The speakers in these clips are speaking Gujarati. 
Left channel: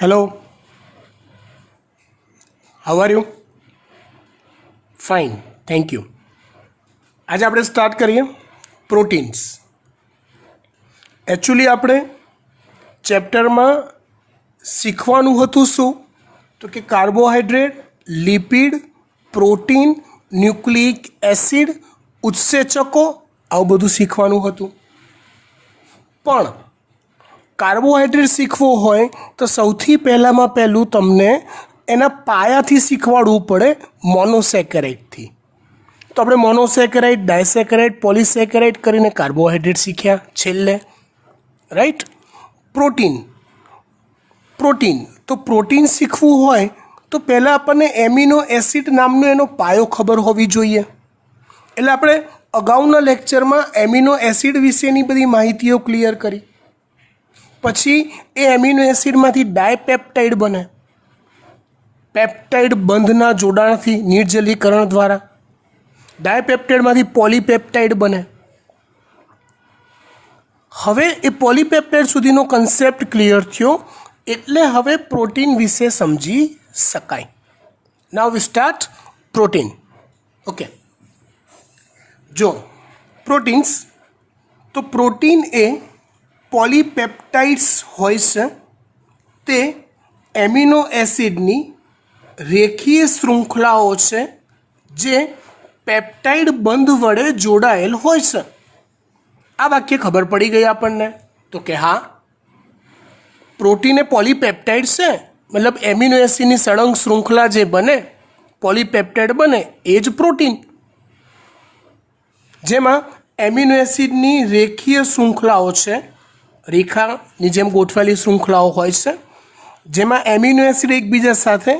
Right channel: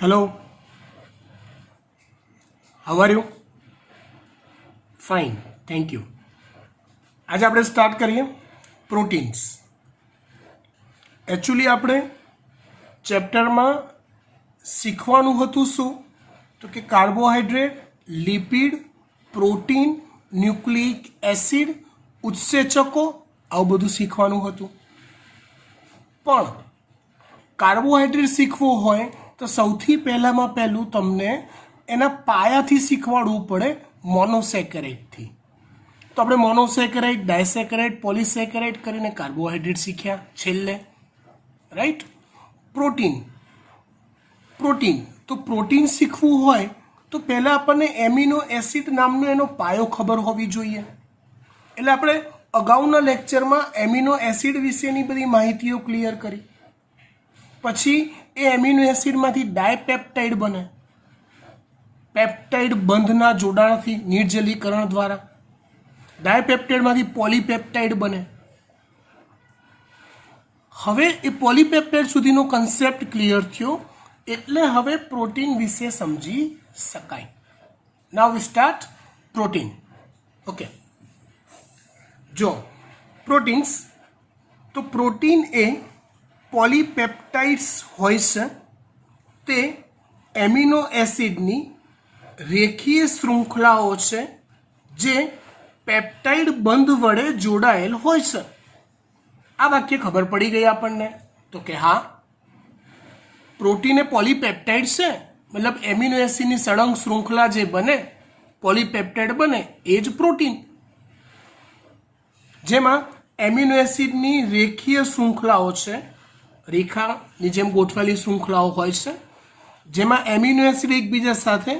Hello, how are you? Fine, thank you. आज આપણે સ્ટાર્ટ કરીએ પ્રોટીન્સ. એકચ્યુઅલી આપણે ચેપ્ટરમાં શીખવાનું હતું શું? તો કે carbohydrate, lipid, protein, nucleic acid, ઉત્સેચકો આવું બધું શીખવાનું હતું. પણ કાર્બોહાઈડ્રેટ શીખવું હોય તો સૌથી પહેલાંમાં પહેલું તમને એના પાયાથી શીખવાડવું પડે મોનોસેકેરાઇડથી. તો આપણે મોનોસેકેરાઇડ, ડાયસેકેરાઇડ, પોલીસેકેરાઇડ કરીને કાર્બોહાઈડ્રેટ શીખ્યા છેલ્લે, રાઈટ. પ્રોટીન તો પ્રોટીન શીખવું હોય તો પહેલાં આપણને એમિનો એસિડ નામનો એનો પાયો ખબર હોવી જોઈએ. એટલે આપણે અગાઉના લેક્ચરમાં એમિનો એસિડ વિશેની બધી માહિતીઓ ક્લિયર કરી. પછી એ એમિનો એસિડમાંથી ડાયપેપ્ટાઇડ બને, પેપ્ટાઇડ બંધના જોડાણથી નિર્જલીકરણ દ્વારા. ડાયપેપ્ટાઇડમાંથી પોલીપેપ્ટાઇડ બને. હવે એ પોલીપેપ્ટાઇડ સુધીનો કન્સેપ્ટ ક્લિયર થયો એટલે હવે પ્રોટીન વિશે સમજી શકાય. નાઉ વી સ્ટાર્ટ પ્રોટીન. ઓકે, જો પ્રોટીન્સ, તો પ્રોટીન એ પોલીપેપ્ટાઇડ્સ હોય છે. તે એમિનો એસિડની રેખીય શૃંખલાઓ છે જે પેપ્ટાઇડ બંધ વડે જોડાયેલ હોય છે. આ વાક્ય ખબર પડી ગઈ આપણને? તો કે હા, પ્રોટીન એ પોલીપેપ્ટાઇડ છે, મતલબ એમિનો એસિડની સળંગ શૃંખલા જે બને, પોલીપેપ્ટાઇડ બને, એ જ પ્રોટીન. જેમાં એમિનો એસિડની રેખીય શૃંખલાઓ છે, રેખાની જેમ ગોઠવેલી શૃંખલાઓ હોય છે, જેમાં એમિનો એસિડ એકબીજા સાથે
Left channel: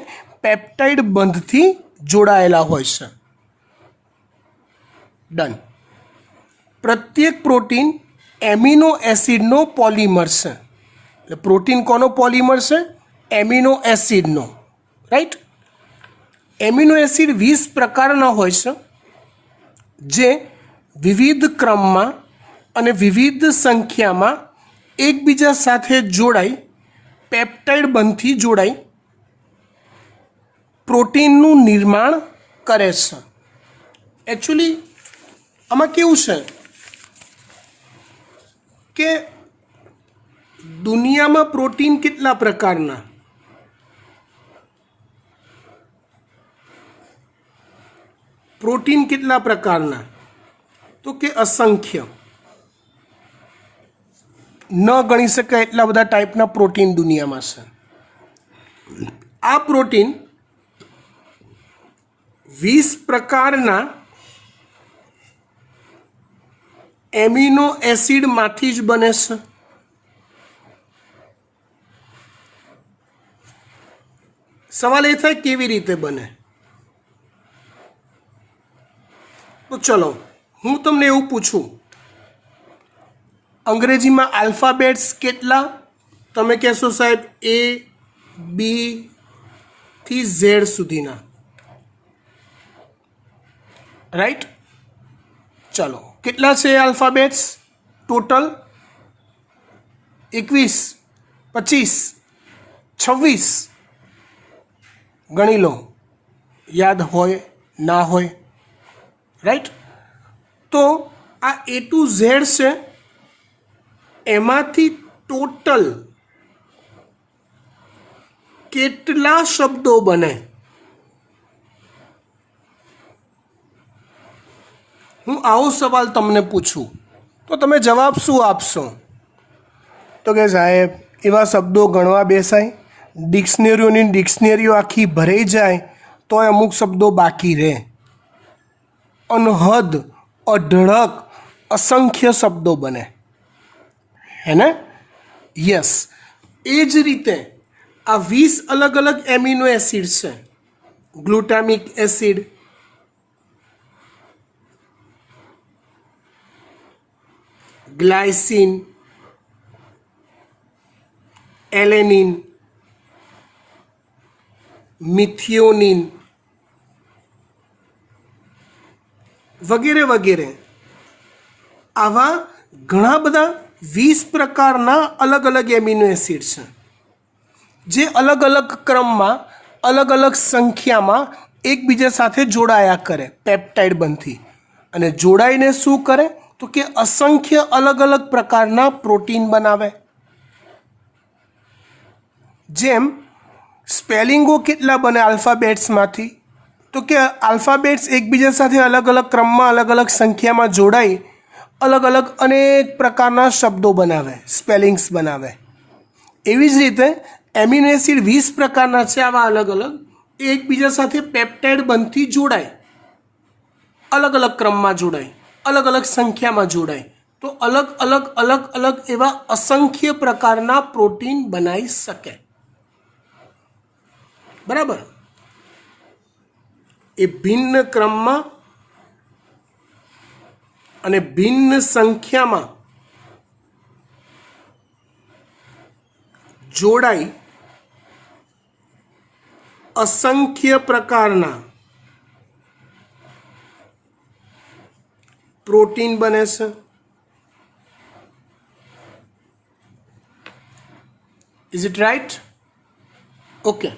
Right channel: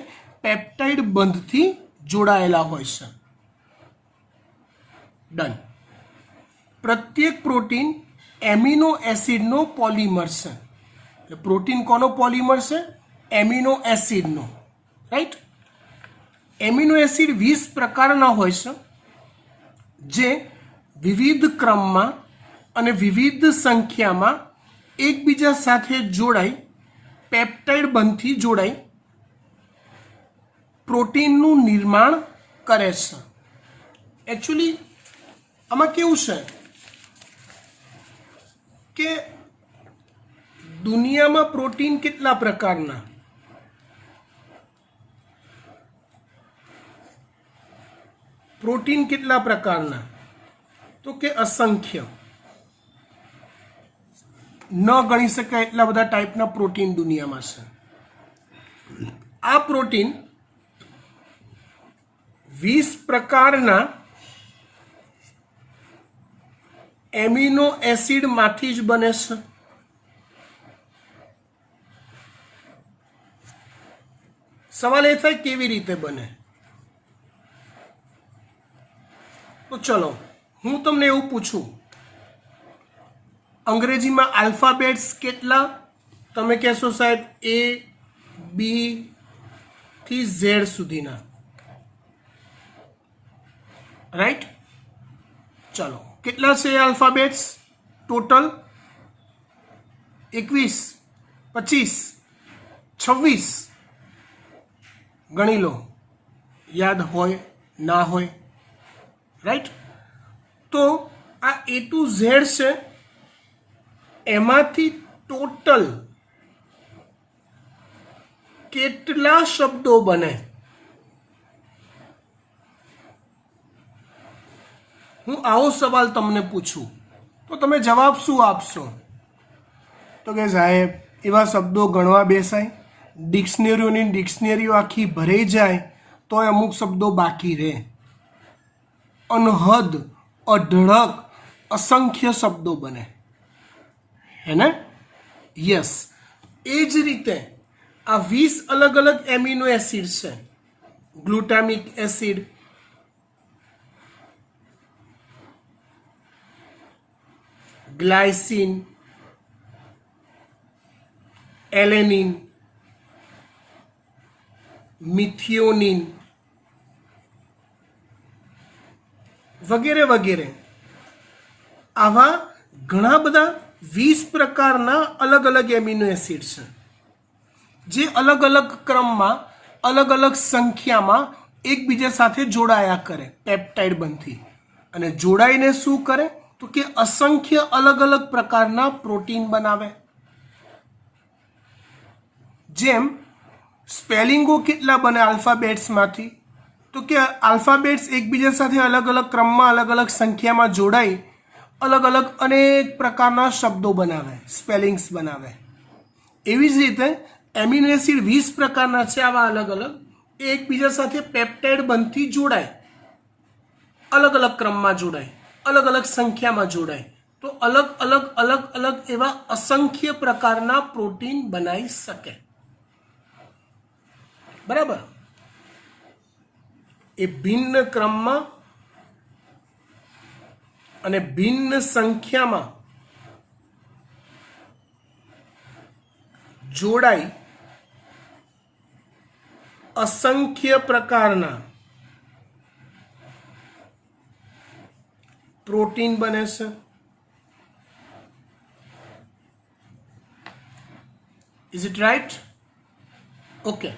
પેપ્ટાઇડ બંધથી જોડાયેલા હોય છે. ડન. પ્રત્યેક પ્રોટીન એમિનો એસિડનો પોલિમર છે. એટલે પ્રોટીન કોનો પોલિમર છે? એમિનો એસિડનો, રાઈટ. એમિનો એસિડ 20 પ્રકારના હોય છે જે વિવિધ ક્રમમાં અને વિવિધ સંખ્યામાં એકબીજા સાથે જોડાઈ પેપ્ટાઇડ બંધથી જોડાઈ પ્રોટીનનું નિર્માણ કરે છે. એકચ્યુઅલી આમાં કેવું છે કે દુનિયામાં પ્રોટીન કેટલા પ્રકારના? પ્રોટીન કેટલા પ્રકારના? તો કે અસંખ્ય, ન ગણી શકાય એટલા બધા ટાઈપના પ્રોટીન દુનિયામાં છે. આ પ્રોટીન 20 પ્રકારના એમિનો એસિડમાંથી જ બને છે. સવાલ એ થાય કેવી રીતે બને? તો ચલો હું તમને એવું પૂછું, અંગ્રેજીમાં આલ્ફાબેટ્સ કેટલા? તમે કહેશો સાહેબ A, B થી Z સુધીના, રાઈટ. ચલો, કેટલા છે આલ્ફાબેટ્સ ટોટલ? 21, 25, 26. ગણી લો, યાદ હોય ના હોય, રાઈટ. તો આ A to Z છે, એમાંથી ટોટલ કેટલા શબ્દો બને? હું આવો સવાલ તમને પૂછું તો તમે જવાબ શું આપશો? તો કે સાહેબ એવા શબ્દો ગણવા બેસાય, ડિક્શનરીઓ આખી ભરાઈ જાય તો અમુક શબ્દો બાકી રહે. અનહદ, અઢળક, અસંખ્ય શબ્દો બને, હે ને? યસ. એ જ રીતે આ 20 અલગ અલગ એમિનો એસિડ છે. Glutamic acid, glycine, alanine, methionine વગેરે વગેરે. આવા ઘણા બધા 20 પ્રકારના અલગ અલગ એમિનો એસિડ છે. જે અલગ અલગ ક્રમમાં અલગ અલગ સંખ્યામાં એકબીજા સાથે જોડાયા કરે પેપ્ટાઇડ બનતી, અને જોડાઈને શું કરે તો કે અસંખ્ય અલગ અલગ પ્રકારના પ્રોટીન બનાવે. જેમ સ્પેલિંગો કેટલા બને આલ્ફાબેટ્સમાંથી, તો કે આલ્ફાબેટ્સ એકબીજા સાથે અલગ અલગ ક્રમમાં અલગ અલગ સંખ્યામાં જોડાઈ અલગ અલગ અનેક પ્રકારના શબ્દો બનાવે, સ્પેલિંગ્સ બનાવે. એવી જ રીતે એમિનો એસિડ 20 પ્રકારના છે આવા અલગ અલગ, એકબીજા સાથે પેપ્ટાઇડ બનતી જોડાય, અલગ અલગ ક્રમમાં જોડાય, અલગ અલગ સંખ્યામાં જોડાય, તો અલગ અલગ અલગ અલગ એવા અસંખ્ય પ્રકારના પ્રોટીન બનાવી શકે. બરાબર. એ ભિન્ન ક્રમમાં અને ભિન્ન સંખ્યામાં જોડાઈ અસંખ્ય પ્રકારના પ્રોટીન બને છે. Is it right? Okay.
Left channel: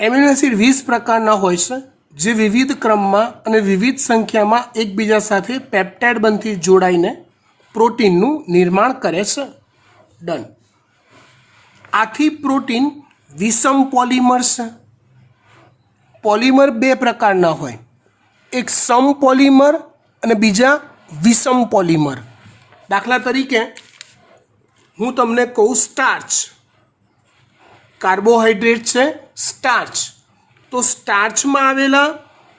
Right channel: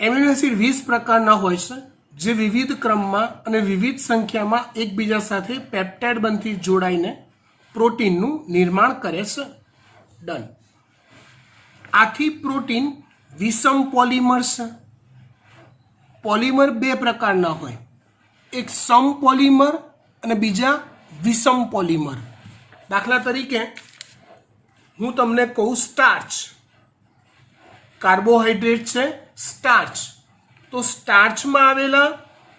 Amino acid 20 પ્રકારના હોય છે, જે વિવિધ ક્રમમાં અને વિવિધ સંખ્યામાં એકબીજા સાથે પેપ્ટાઇડ બનતી જોડાઈને પ્રોટીનનું નિર્માણ કરે છે. ડન. આથી પ્રોટીન વિષમ પોલિમર છે. પોલિમર 2 પ્રકારના હોય, એક સમ પોલિમર અને બીજા વિષમ પોલિમર. દાખલા તરીકે હું તમને કહું સ્ટાર્ચ, કાર્બોહાઈડ્રેટ છે સ્ટાર્ચ, તો સ્ટાર્ચમાં આવેલા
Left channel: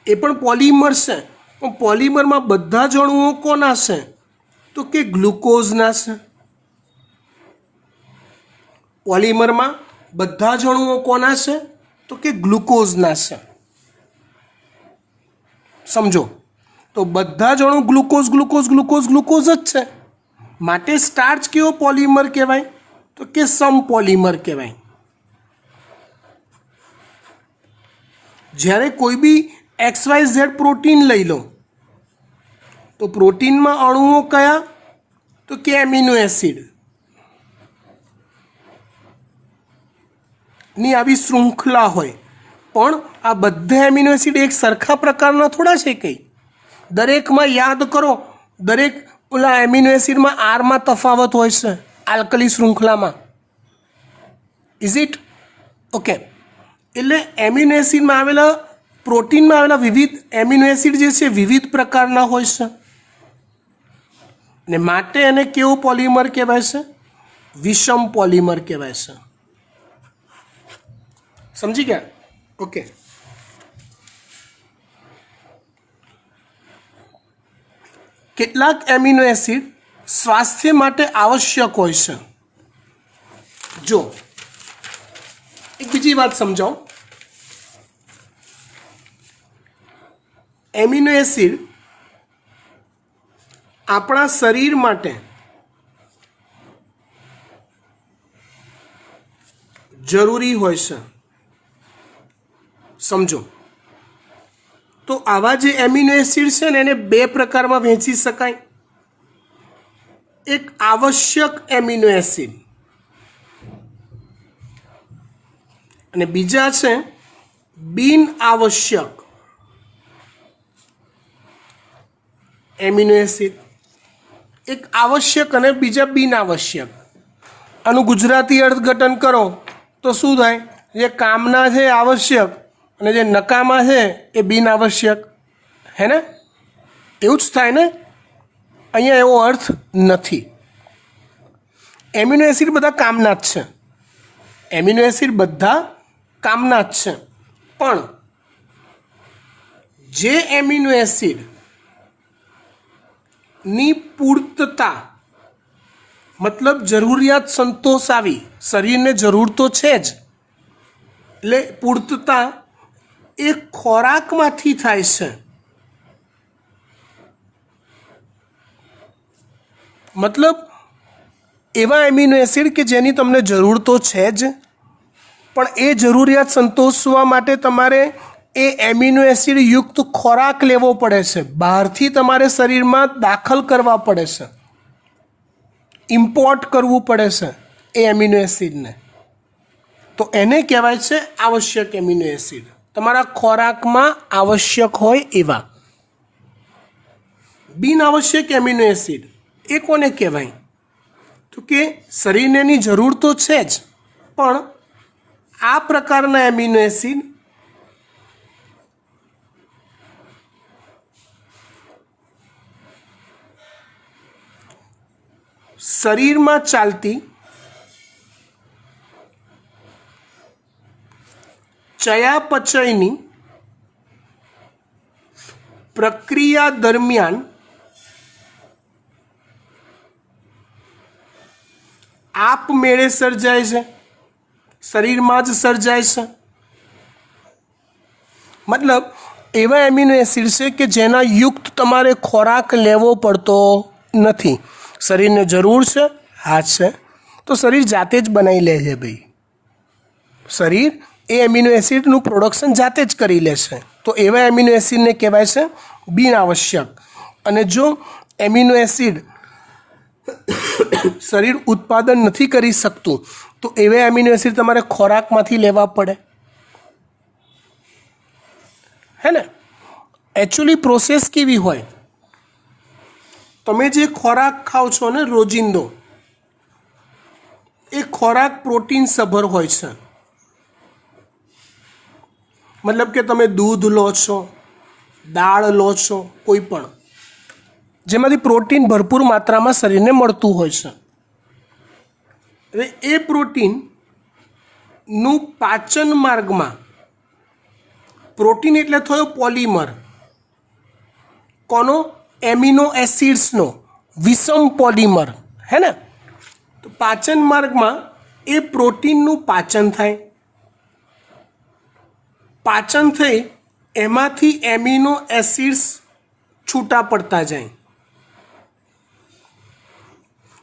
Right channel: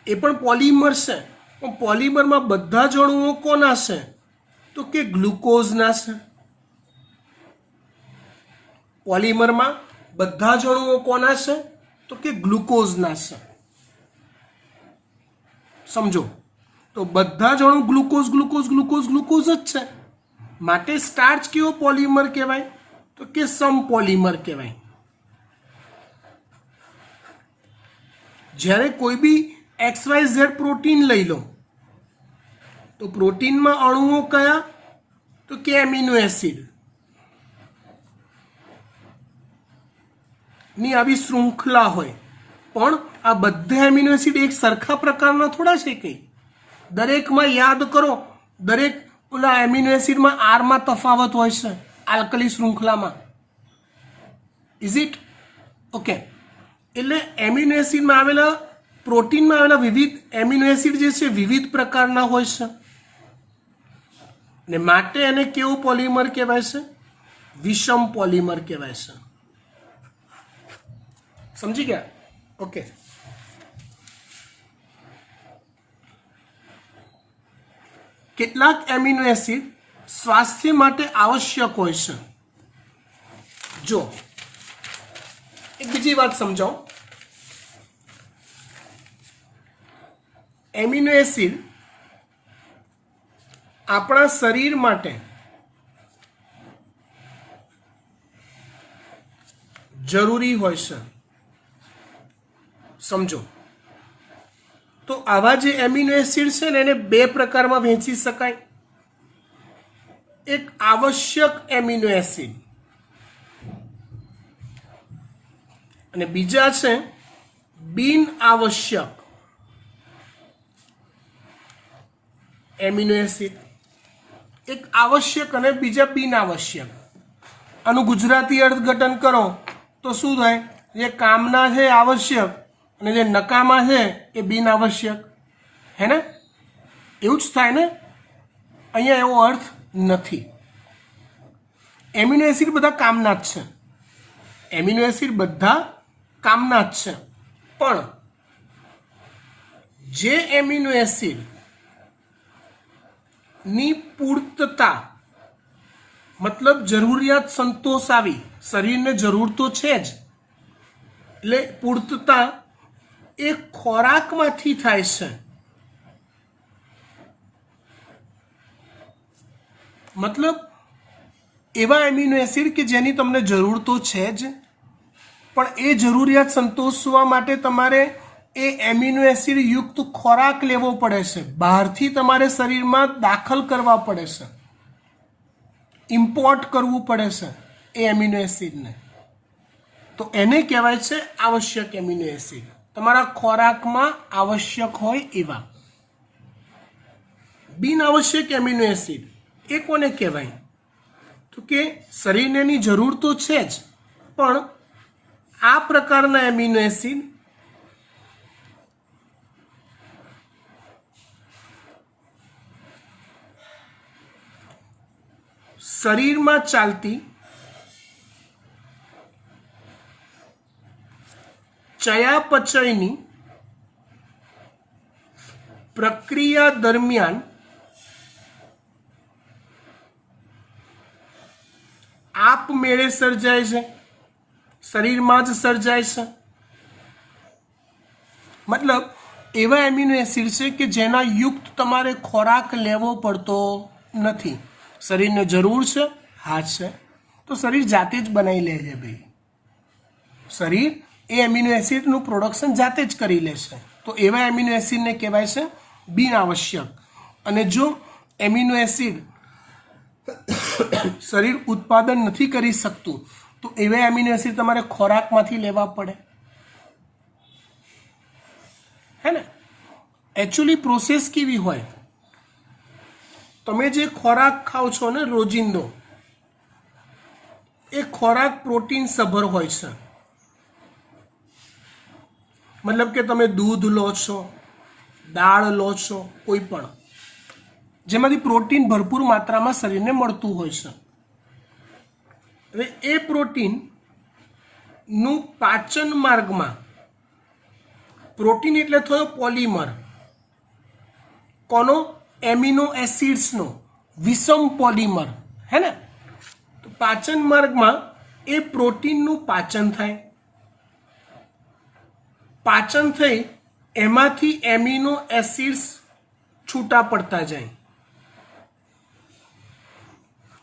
એ પણ પોલિમર છે, પણ પોલિમરમાં બધા જ અણુઓ કોના છે તો કે ગ્લુકોઝના છે. પોલિમરમાં બધા જ અણુઓ કોના છે તો કે ગ્લુકોઝના છે. સમજો, તો બધા જ અણુ ગ્લુકોઝ ગ્લુકોઝ ગ્લુકોઝ ગ્લુકોઝ જ છે, માટે સ્ટાર્ચ કેવો પોલિમર કહેવાય તો કે સમ પોલિમર કહેવાય. જ્યારે કોઈ બી XYZ પ્રોટીન લઈ લો તો પ્રોટીનમાં અણુઓ કયા તો કે એમિનો એસિડ ની આવી શૃંખલા હોય, પણ આ બધા એમિનો એસિડ એક સરખા પ્રકારના થોડા છે. કંઈ દરેકમાં યાદ કરો, દરેક ઓલા એમિનો એસિડમાં આરમાં તફાવત હોય છે આલ્કલી શૃંખલામાં. Is it? ઓકે. એટલે એમિનો એસિડમાં આવેલા પ્રોટીનમાં આવેલા વિવિધ એમિનો એસિડ જે છે વિવિધ પ્રકારના હોય છે, ને માટે એને કેવો પોલિમર કહેવાય છે? વિષમ પોલિમર કહેવાય છે. સમજી ગયા? ઓકે. કેટલાક એમિનો એસિડ સ્વાસ્થ્ય માટે આવશ્યક હોય છે. જો એક બીજી વાત સમજાવો. એમિનો એસિડ આપણા શરીર માટે જરૂરી હોય છે. સમજો, તો આવા જે એમિનો એસિડ છે ને એને 2 પ્રકારમાં વહેંચી શકાય. એક આવશ્યક એમિનો એસિડ અને બીજા છે બિન આવશ્યક એમિનો એસિડ. એક આવશ્યક અને બીજા બિન આવશ્યક. આનું ગુજરાતી અર્થઘટન કરો તો શું થાય? જે કામના છે આવશ્યક અને જે નકામા છે એ બિન આવશ્યક. હે ને? એવું જ થાય ને? અહીંયા એવો અર્થ નથી. એમિનો એસિડ બધા કામના જ છે. એમિનો એસિડ બધા કામના જ છે, પણ જે એમિનો એસિડ ની પૂર્તતા મતલબ જરૂરિયાત સંતોષાવી, શરીરને જરૂર તો છે જ, એટલે પૂર્તતા એ ખોરાકમાંથી થાય છે. મતલબ એવા એમિનો એસિડ કે જેની તમને જરૂર તો છે જ, પણ એ જરૂરિયાત સંતોષવા માટે તમારે એ એમિનો એસિડ યુક્ત ખોરાક લેવો પડે છે, બહારથી તમારે શરીરમાં દાખલ કરવા પડે છે, ઇમ્પોર્ટ કરવું પડે છે એ એમિનો એસિડને, તો એને કહેવાય છે આવશ્યક એમિનો એસિડ, તમારા ખોરાકમાં આવશ્યક હોય એવા. બિન આવશ્યક એમિનો એસિડ એ કોને કહેવાય? તો કે શરીરને એની જરૂર તો છે જ, પણ આ પ્રકારના એમિનો એસિડ શરીરમાં ચાલતી ચયાપચયની પ્રક્રિયા દરમિયાન આપમેળે સર્જાય છે, શરીરમાં જ સર્જાય છે. મતલબ એવા એમિનો એસિડ છે કે જેના યુક્ત તમારે ખોરાક લેવો પડતો નથી. શરીરને જરૂર છે, હા છે, તો શરીર જાતે જ બનાવી લે છે ભાઈ. શરીર એ એમિનો એસિડનું પ્રોડક્શન જાતે જ કરી લે છે, તો એવા એમિનો એસિડને કહેવાય છે બિન આવશ્યક. અને જો એમિનો એસિડ શરીર ઉત્પાદન નથી કરી શકતું તો એવા એમિનો એસિડ તમારે ખોરાકમાંથી લેવા પડે, હે ને. એકચ્યુઅલી પ્રોસેસ કેવી હોય? તમે જે ખોરાક ખાઓ છો ને રોજિંદો, એ ખોરાક પ્રોટીન સભર હોય છે. મતલબ કે તમે દૂધ લો છો, દાળ લો છો, કોઈ પણ જેમાંથી પ્રોટીન ભરપૂર માત્રામાં શરીરને મળતું હોય છે. હવે એ પ્રોટીનનું પાચન માર્ગમાં, પ્રોટીન એટલે થયો પોલિમર, કોનો? એમિનો એસિડ્સનો વિષમ પોલિમર, હે ને. તો પાચન માર્ગમાં એ પ્રોટીનનું પાચન થાય, પાચન થઈ એમાંથી એમિનો એસિડ્સ છૂટા પડતા જાય,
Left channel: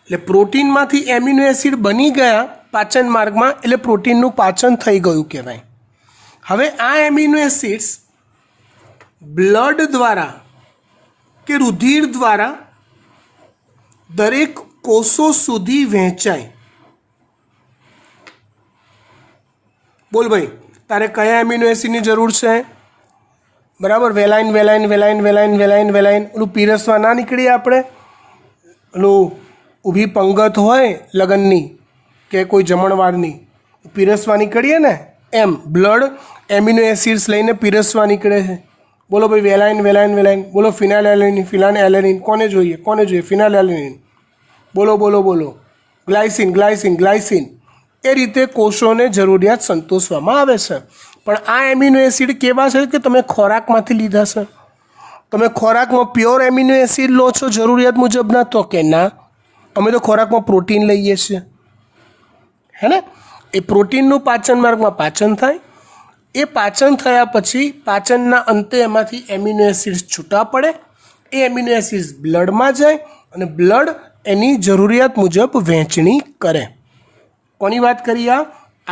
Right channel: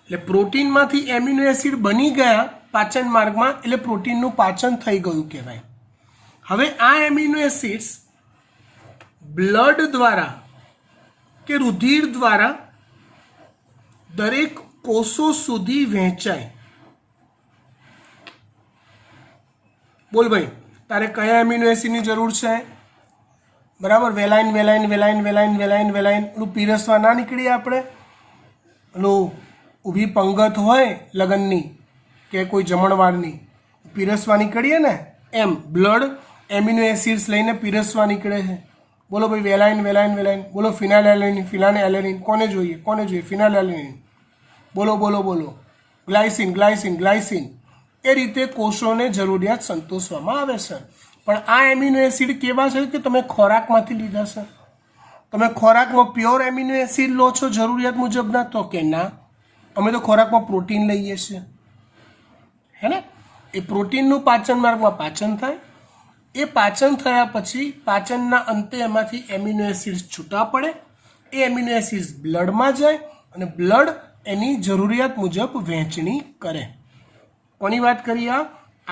એટલે પ્રોટીનમાંથી એમિનો એસિડ બની ગયા પાચન માર્ગમાં, એટલે પ્રોટીનનું પાચન થઈ ગયું કહેવાય. હવે આ એમિનો એસિડ્સ બ્લડ દ્વારા કે રુધિર દ્વારા દરેક કોષો સુધી વહેંચાય. બોલ ભાઈ, તારે કયા એમિનો એસિડની જરૂર છે? બરાબર, વેલાઇન વેલાઇન વેલાઇન વેલાઇન વેલાઇન વેલાઇન. ઓલું પીરસવા ના નીકળીએ આપણે, ઓલું ઊભી પંગત હોય લગ્નની કે કોઈ જમણવારની, પીરસવા નીકળીએ ને, એમ બ્લડ એમિનો એસિડ્સ લઈને પીરસવા નીકળે છે. બોલો ભાઈ, વેલાઇન વેલાઇન વેલાઇન. બોલો, ફિનાઇલ એલેનિન, ફિનાઇલ એલેનિન. કોને જોઈએ? કોને જોઈએ? ફિનાઇલ એલેનિન. બોલો બોલો બોલો. Glycine glycine glycine. એ રીતે કોષોને જરૂરિયાત સંતોષવામાં આવે છે. પણ આ એમિનો એસિડ કેવા છે કે તમે ખોરાકમાંથી લીધા છે? તમે ખોરાકમાં પ્યોર એમિનો એસિડ લો છો જરૂરિયાત મુજબના? તો કે ના, અમે તો ખોરાકમાં પ્રોટીન લઈએ છીએ, હે ને. એ પ્રોટીનનું પાચન માર્ગમાં પાચન થાય, એ પાચન થયા પછી પાચનના અંતે એમાંથી એમિનો એસિડ્સ છૂટા પડે, એ એમિનો એસિડ્સ બ્લડમાં જાય અને બ્લડ એની જરૂરિયાત મુજબ વહેંચણી કરે. કોની વાત કરી? આ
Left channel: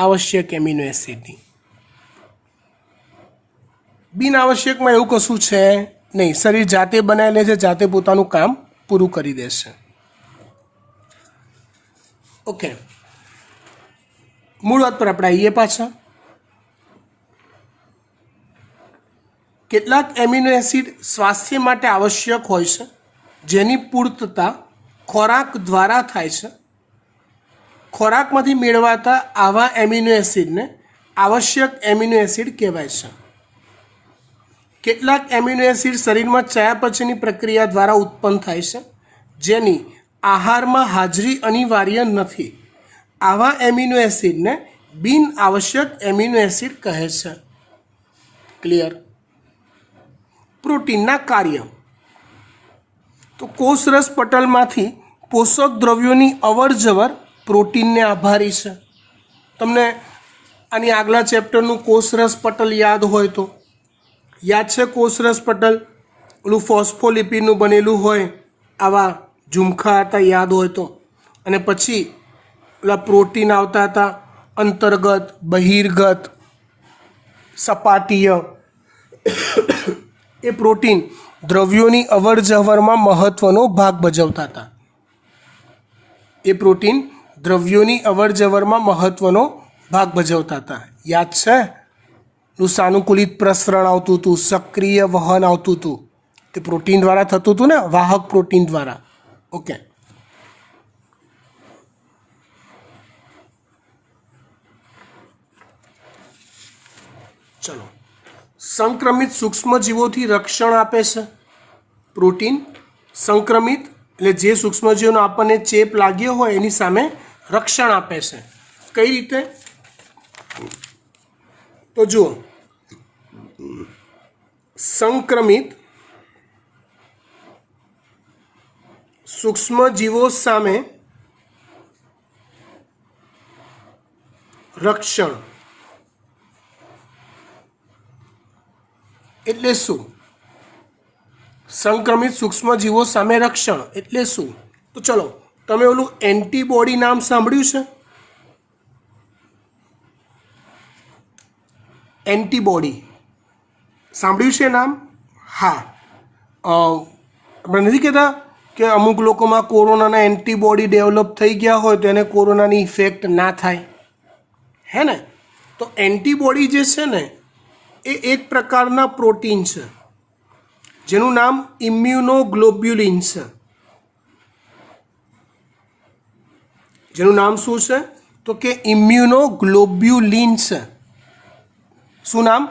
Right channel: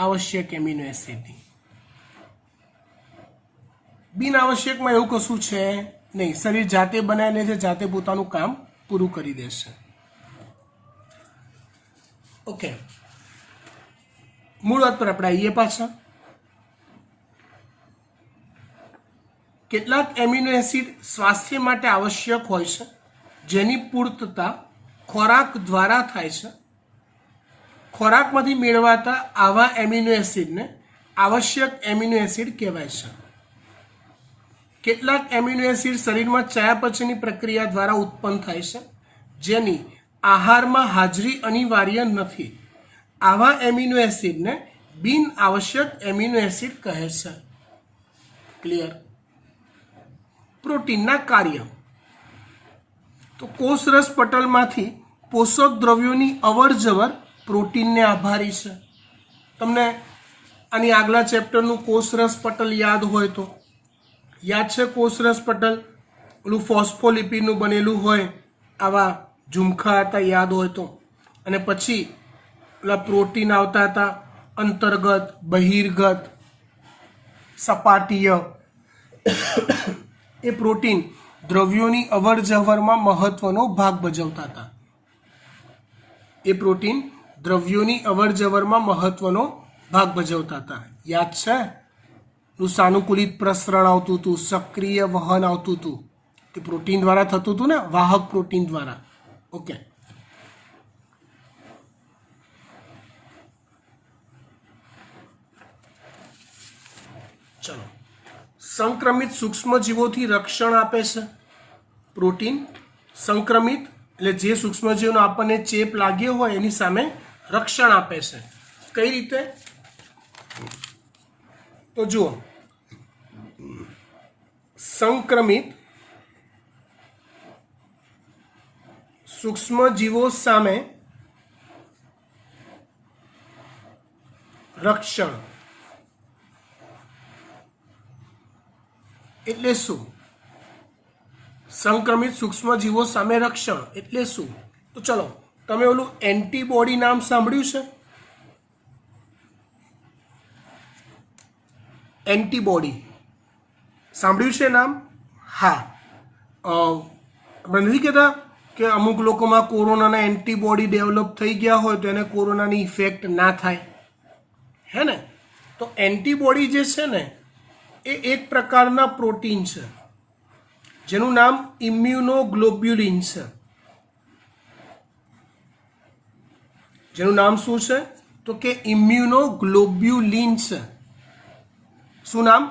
આવશ્યક એમિનો એસિડની. બિન આવશ્યકમાં એવું કશું છે નહીં, શરીર જાતે બનાવી લે છે, જાતે પોતાનું કામ પૂરું કરી દેશે. ઓકે, મૂળ વાત પર આપણે આવીએ પાછા. કેટલાક એમિનો એસિડ સ્વાસ્થ્ય માટે આવશ્યક હોય છે, જેની પૂર્તતા ખોરાક દ્વારા થાય છે. ખોરાકમાંથી મેળવાતા આવા એમિનો એસિડને આવશ્યક એમિનો એસિડ કહેવાય છે. કેટલાક એમિનો એસિડ શરીરમાં ચયાપચયની પ્રક્રિયા દ્વારા ઉત્પન્ન થાય છે, જેની આહારમાં હાજરી અનિવાર્ય નથી. આવા એમિનો એસિડને બિન આવશ્યક એમિનો એસિડ કહે છે. ક્લિયર? પ્રોટીનના કાર્ય. તો કોષરસ પટલમાંથી પોષક દ્રવ્યોની અવરજવર પ્રોટીનને આભારી છે. તમને આની આગલા ચેપ્ટરનું કોષરસ પટલ યાદ હોય તો યાદ છે? કોષરસ પટલ ઓલું ફોસ્ફોલિપિડનું બનેલું હોય, આવા ઝુમખા હતા, યાદ હોય તો. અને પછી ઓલા પ્રોટીન આવતા હતા, અંતર્ગત, બહિર્ગત, સપાટીય, એ પ્રોટીન દ્રવ્યોની અવર જવરમાં મહત્વનો ભાગ ભજવતા હતા. એ પ્રોટીન દ્રવ્યોની અવર જવરમાં મહત્વનો ભાગ ભજવતા હતા. યાદ છે? નું સાનુકૂલિત પ્રસરણ આવતું હતું, સક્રિય વહન આવતું હતું. તે પ્રોટીન દ્વારા થતું હતું ને, વાહક પ્રોટીન દ્વારા. ઓકે, ચલો. સંક્રમિત સૂક્ષ્મજીવોથી રક્ષણ આપે છે પ્રોટીન. સંક્રમિત એટલે જે સૂક્ષ્મજીવોનો આપણને ચેપ લાગ્યો હોય એની સામે રક્ષણ આપે છે. કઈ રીતે? તો જુઓ, સંક્રમિત સૂક્ષ્મજીવો સામે રક્ષણ એટલે શું? સંક્રમિત સૂક્ષ્મજીવો સામે રક્ષણ એટલે શું? તો ચલો, તમે ઓલું એન્ટીબોડી નામ સાંભળ્યું છે? એન્ટીબોડી સાંભળ્યું છે નામ? હા. આપણે નથી કહેતા કે અમુક લોકોમાં કોરોનાના એન્ટીબોડી ડેવલપ થઈ ગયા હોય તો એને કોરોનાની ઇફેક્ટ ના થાય, હે ને? તો એન્ટીબોડી જે છે ને એ એક પ્રકારના પ્રોટીન છે જેનું નામ ઇમ્યુનોગ્લોબ્યુલિન છે. જેનું નામ શું છે? તો કે ઇમ્યુનોગ્લોબ્યુલિન છે. શું નામ?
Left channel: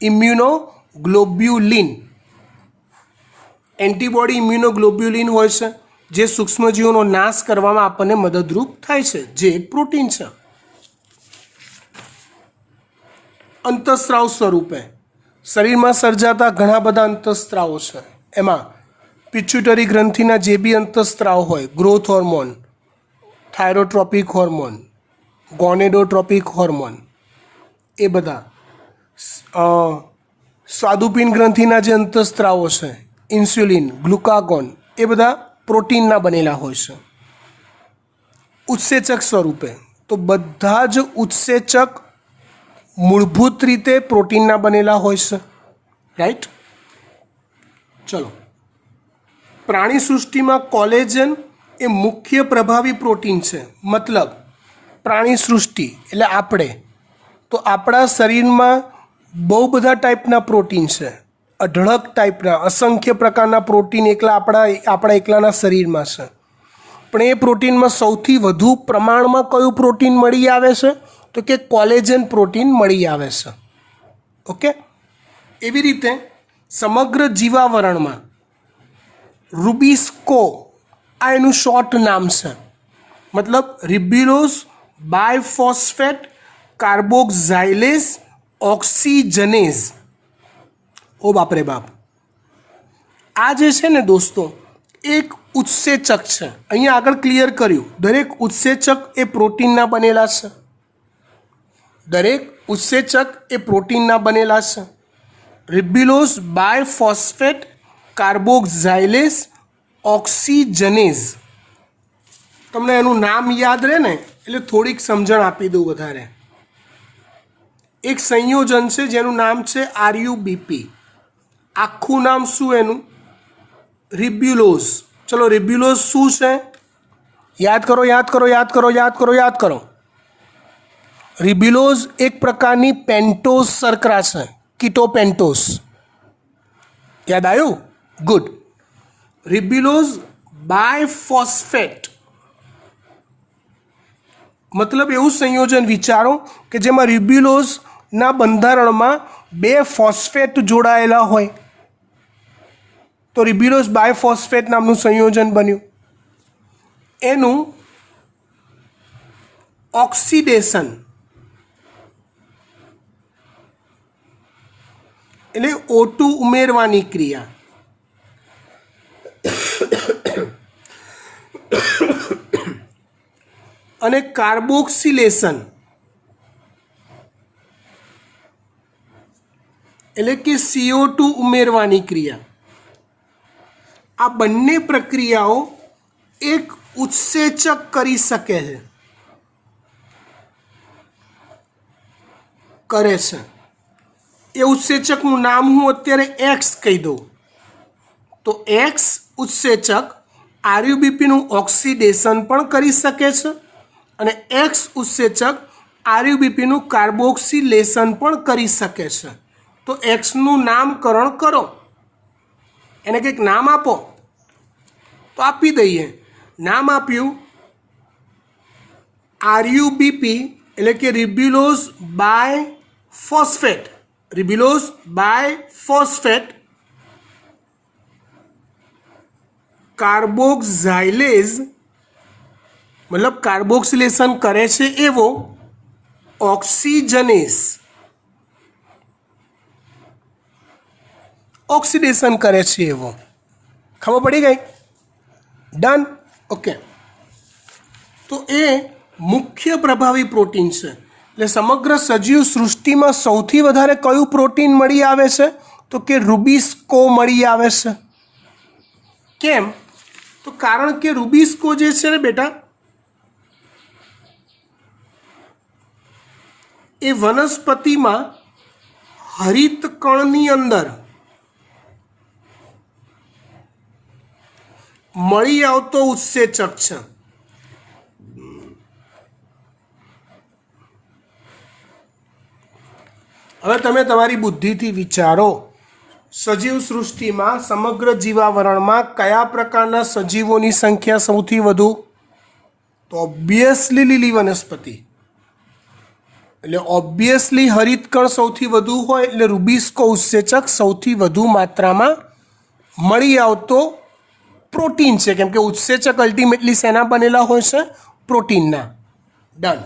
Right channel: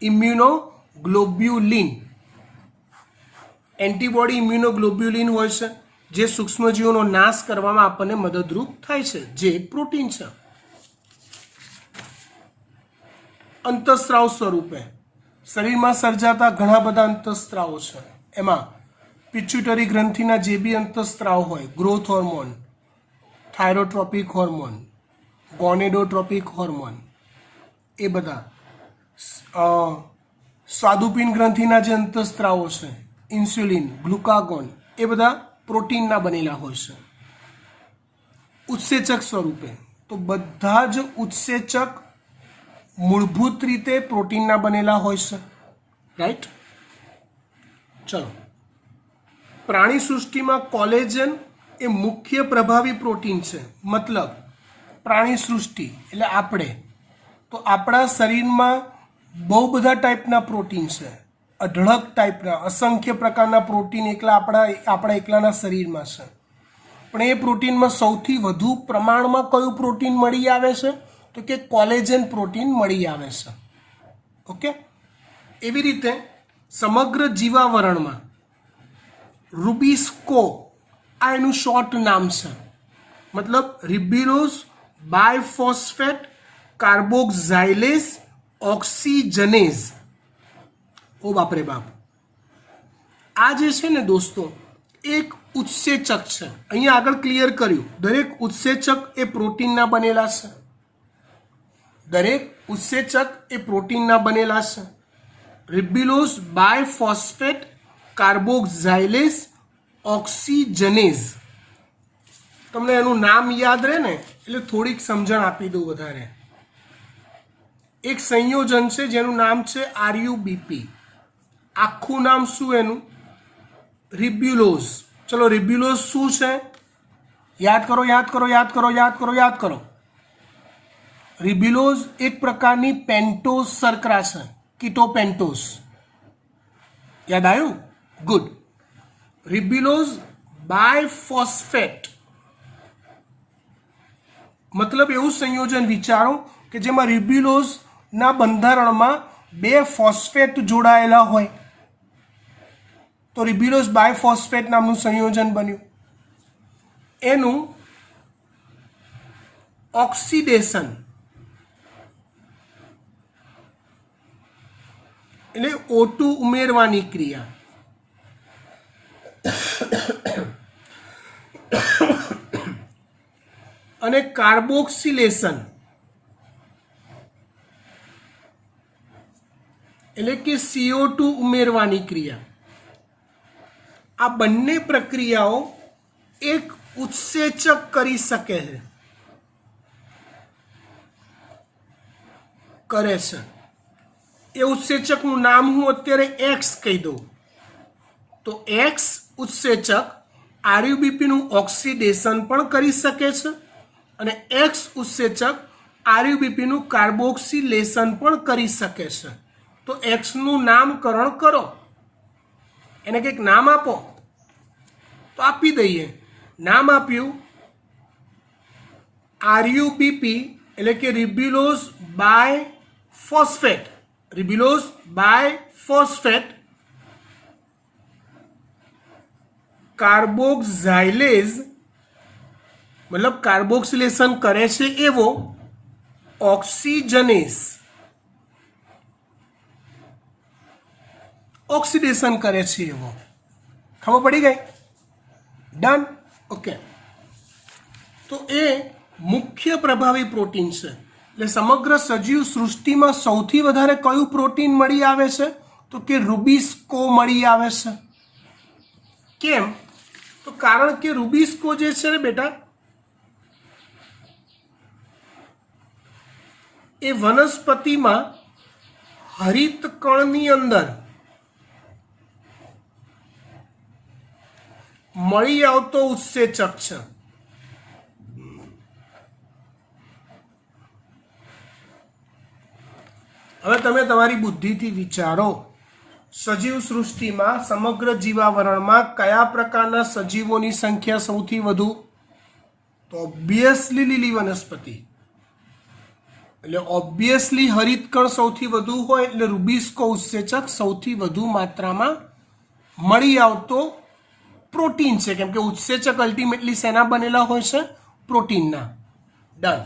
ઇમ્યુનોગ્લોબ્યુલિન. એન્ટીબોડી ઇમ્યુનોગ્લોબ્યુલિન હોય છે જે સૂક્ષ્મજીવોનો નાશ કરવામાં આપણને મદદરૂપ થાય છે, જે એક પ્રોટીન છે. અંતઃસ્રાવ સ્વરૂપે શરીરમાં સર્જાતા ઘણા બધા અંતઃસ્ત્રાવો છે. એમાં પિચ્યુટરી ગ્રંથિના જે બી અંતઃસ્ત્રાવ હોય, ગ્રોથ હોર્મોન, થાઇરોટ્રોપિક હોર્મોન, ગોનેડોટ્રોપિક હોર્મોન, એ બધા. સ્વાદુપિંડ ગ્રંથિના જે અંતઃસ્ત્રાવો છે, ઇન્સ્યુલિન, ગ્લુકાગોન, એ બધા પ્રોટીનના બનેલા હોય છે. ઉત્સેચક સ્વરૂપે તો બધા જ ઉત્સેચક મૂળભૂત રીતે પ્રોટીનના બનેલા હોય છે, રાઈટ? ચલો, પ્રાણી સૃષ્ટિમાં કોલેજન એ મુખ્ય પ્રભાવી પ્રોટીન છે. મતલબ પ્રાણી સૃષ્ટિ એટલે આપણે, તો આપણા શરીરમાં બહુ બધા ટાઈપના પ્રોટીન છે, અઢળક ટાઈપના, અસંખ્ય પ્રકારના પ્રોટીન આપણા એકલાના શરીરમાં છે. પણ એ પ્રોટીનમાં સૌથી વધુ પ્રમાણમાં કયું પ્રોટીન મળી આવે છે? તો કે કોલેજન પ્રોટીન મળી આવે છે. ઓકે, એવી રીતે સમગ્ર જીવાવરણમાં રૂબિસ્કો આ એનું શોર્ટ નામ છે. મતલબ રિબ્યુલોઝ બાયફોસ્ફેટ કાર્બોક્સાઇલેઝ ઓક્સિજનેઝ. ઓ બાપરે બાપ! આ જે છે ને દોસ્તો, એક ઉત્સેચક છે. અહીંયા આગળ ક્લિયર કર્યું, દરેક ઉત્સેચક એ પ્રોટીનના બનેલા છે. દરેક ઉત્સેચક એ પ્રોટીનના બનેલા છે. Ribulose biphosphate કાર્બોક્સાઇલેઝ ઓક્સિજનેઝ. તમને એનું નામ યાદ રહે ને એટલે થોડીક સમજણ આપી દઉં વધારે. એક સંયોજન છે જેનું નામ છે આરયુબીપી. આખું નામ શું એનું? રિબ્યુલોઝ. ચલો, રિબ્યુલોઝ શું છે? યાદ કરો, યાદ કરો, યાદ કરો, યાદ કરો, યાદ કરો. રિબ્યુલોઝ એક પ્રકારની પેન્ટોઝ શર્કરા છે, કીટોપેન્ટોઝ. યાદ આવ્યું? ગુડ. રિબ્યુલોઝ બાયફોસ્ફેટ મતલબ એવું સંયોજન વિચારો કે જેમાં રિબ્યુલોઝના બંધારણમાં બે ફોસ્ફેટ જોડાયેલા હોય. તો રિબ્યુલોઝ બાયફોસ્ફેટ નામનું સંયોજન બન્યું. એનું ઓક્સિડેશન એટલે O2 ઉમેરવાની ક્રિયા, અને કાર્બોક્સિલેશન એટલે કે CO2 ઉમેરવાની ક્રિયા. આ બંને પ્રક્રિયાઓ એક ઉત્સેચક કરી શકે છે, કરે છે. એ ઉત્સેચકનું નામ હું અત્યારે એક્સ કહી દઉં તો એક્સ ઉત્સેચક આરયુબીપીનું ઓક્સિડેશન પણ કરી શકે છે અને એક્સ ઉત્સેચક આરયુબીપીનું કાર્બોક્સિલેશન પણ કરી શકે છે. તો એક્સનું નામકરણ કરો, એને કંઈક નામ આપો. તો આપી દઈએ. નામ આપ્યું આરયુબીપી એટલે કે ribulose bi phosphate. Ribulose bi phosphate carboxylase મતલબ કાર્બોક્સિલેશન કરે છે એવો ઓક્સિજનેસ ઓક્સિડેશન કરે છે એવો. ખબર પડી ગઈ? ડન. ઓકે. તો એ મુખ્ય પ્રભાવી પ્રોટીન છે. એટલે સમગ્ર સજીવ સૃષ્ટિમાં સૌથી વધારે કયું પ્રોટીન મળી આવે છે? તો કે રૂબિસ્કો મળી આવે છે. કેમ? તો કારણ કે રૂબિસ્કો જે છે ને બેટા એ વનસ્પતિમાં હરિતકણની અંદર મળી આવતો ઉત્સેચક છે. હવે તમે તમારી બુદ્ધિથી વિચારો, સજીવ સૃષ્ટિમાં સમગ્ર જીવાવરણમાં કયા પ્રકારના સજીવોની સંખ્યા સૌથી વધુ? તો ઓબ્વિયસલી લીલી વનસ્પતિ. એટલે ઓબ્વિયસલી હરિતકણ સૌથી વધુ હોય એટલે રૂબિસ્કો ઉત્સેચક સૌથી વધુ માત્રામાં મળી આવતો પ્રોટીન છે. કેમ કે ઉત્સેચક અલ્ટિમેટલી શેના બનેલા હોય છે? પ્રોટીનના. ડન.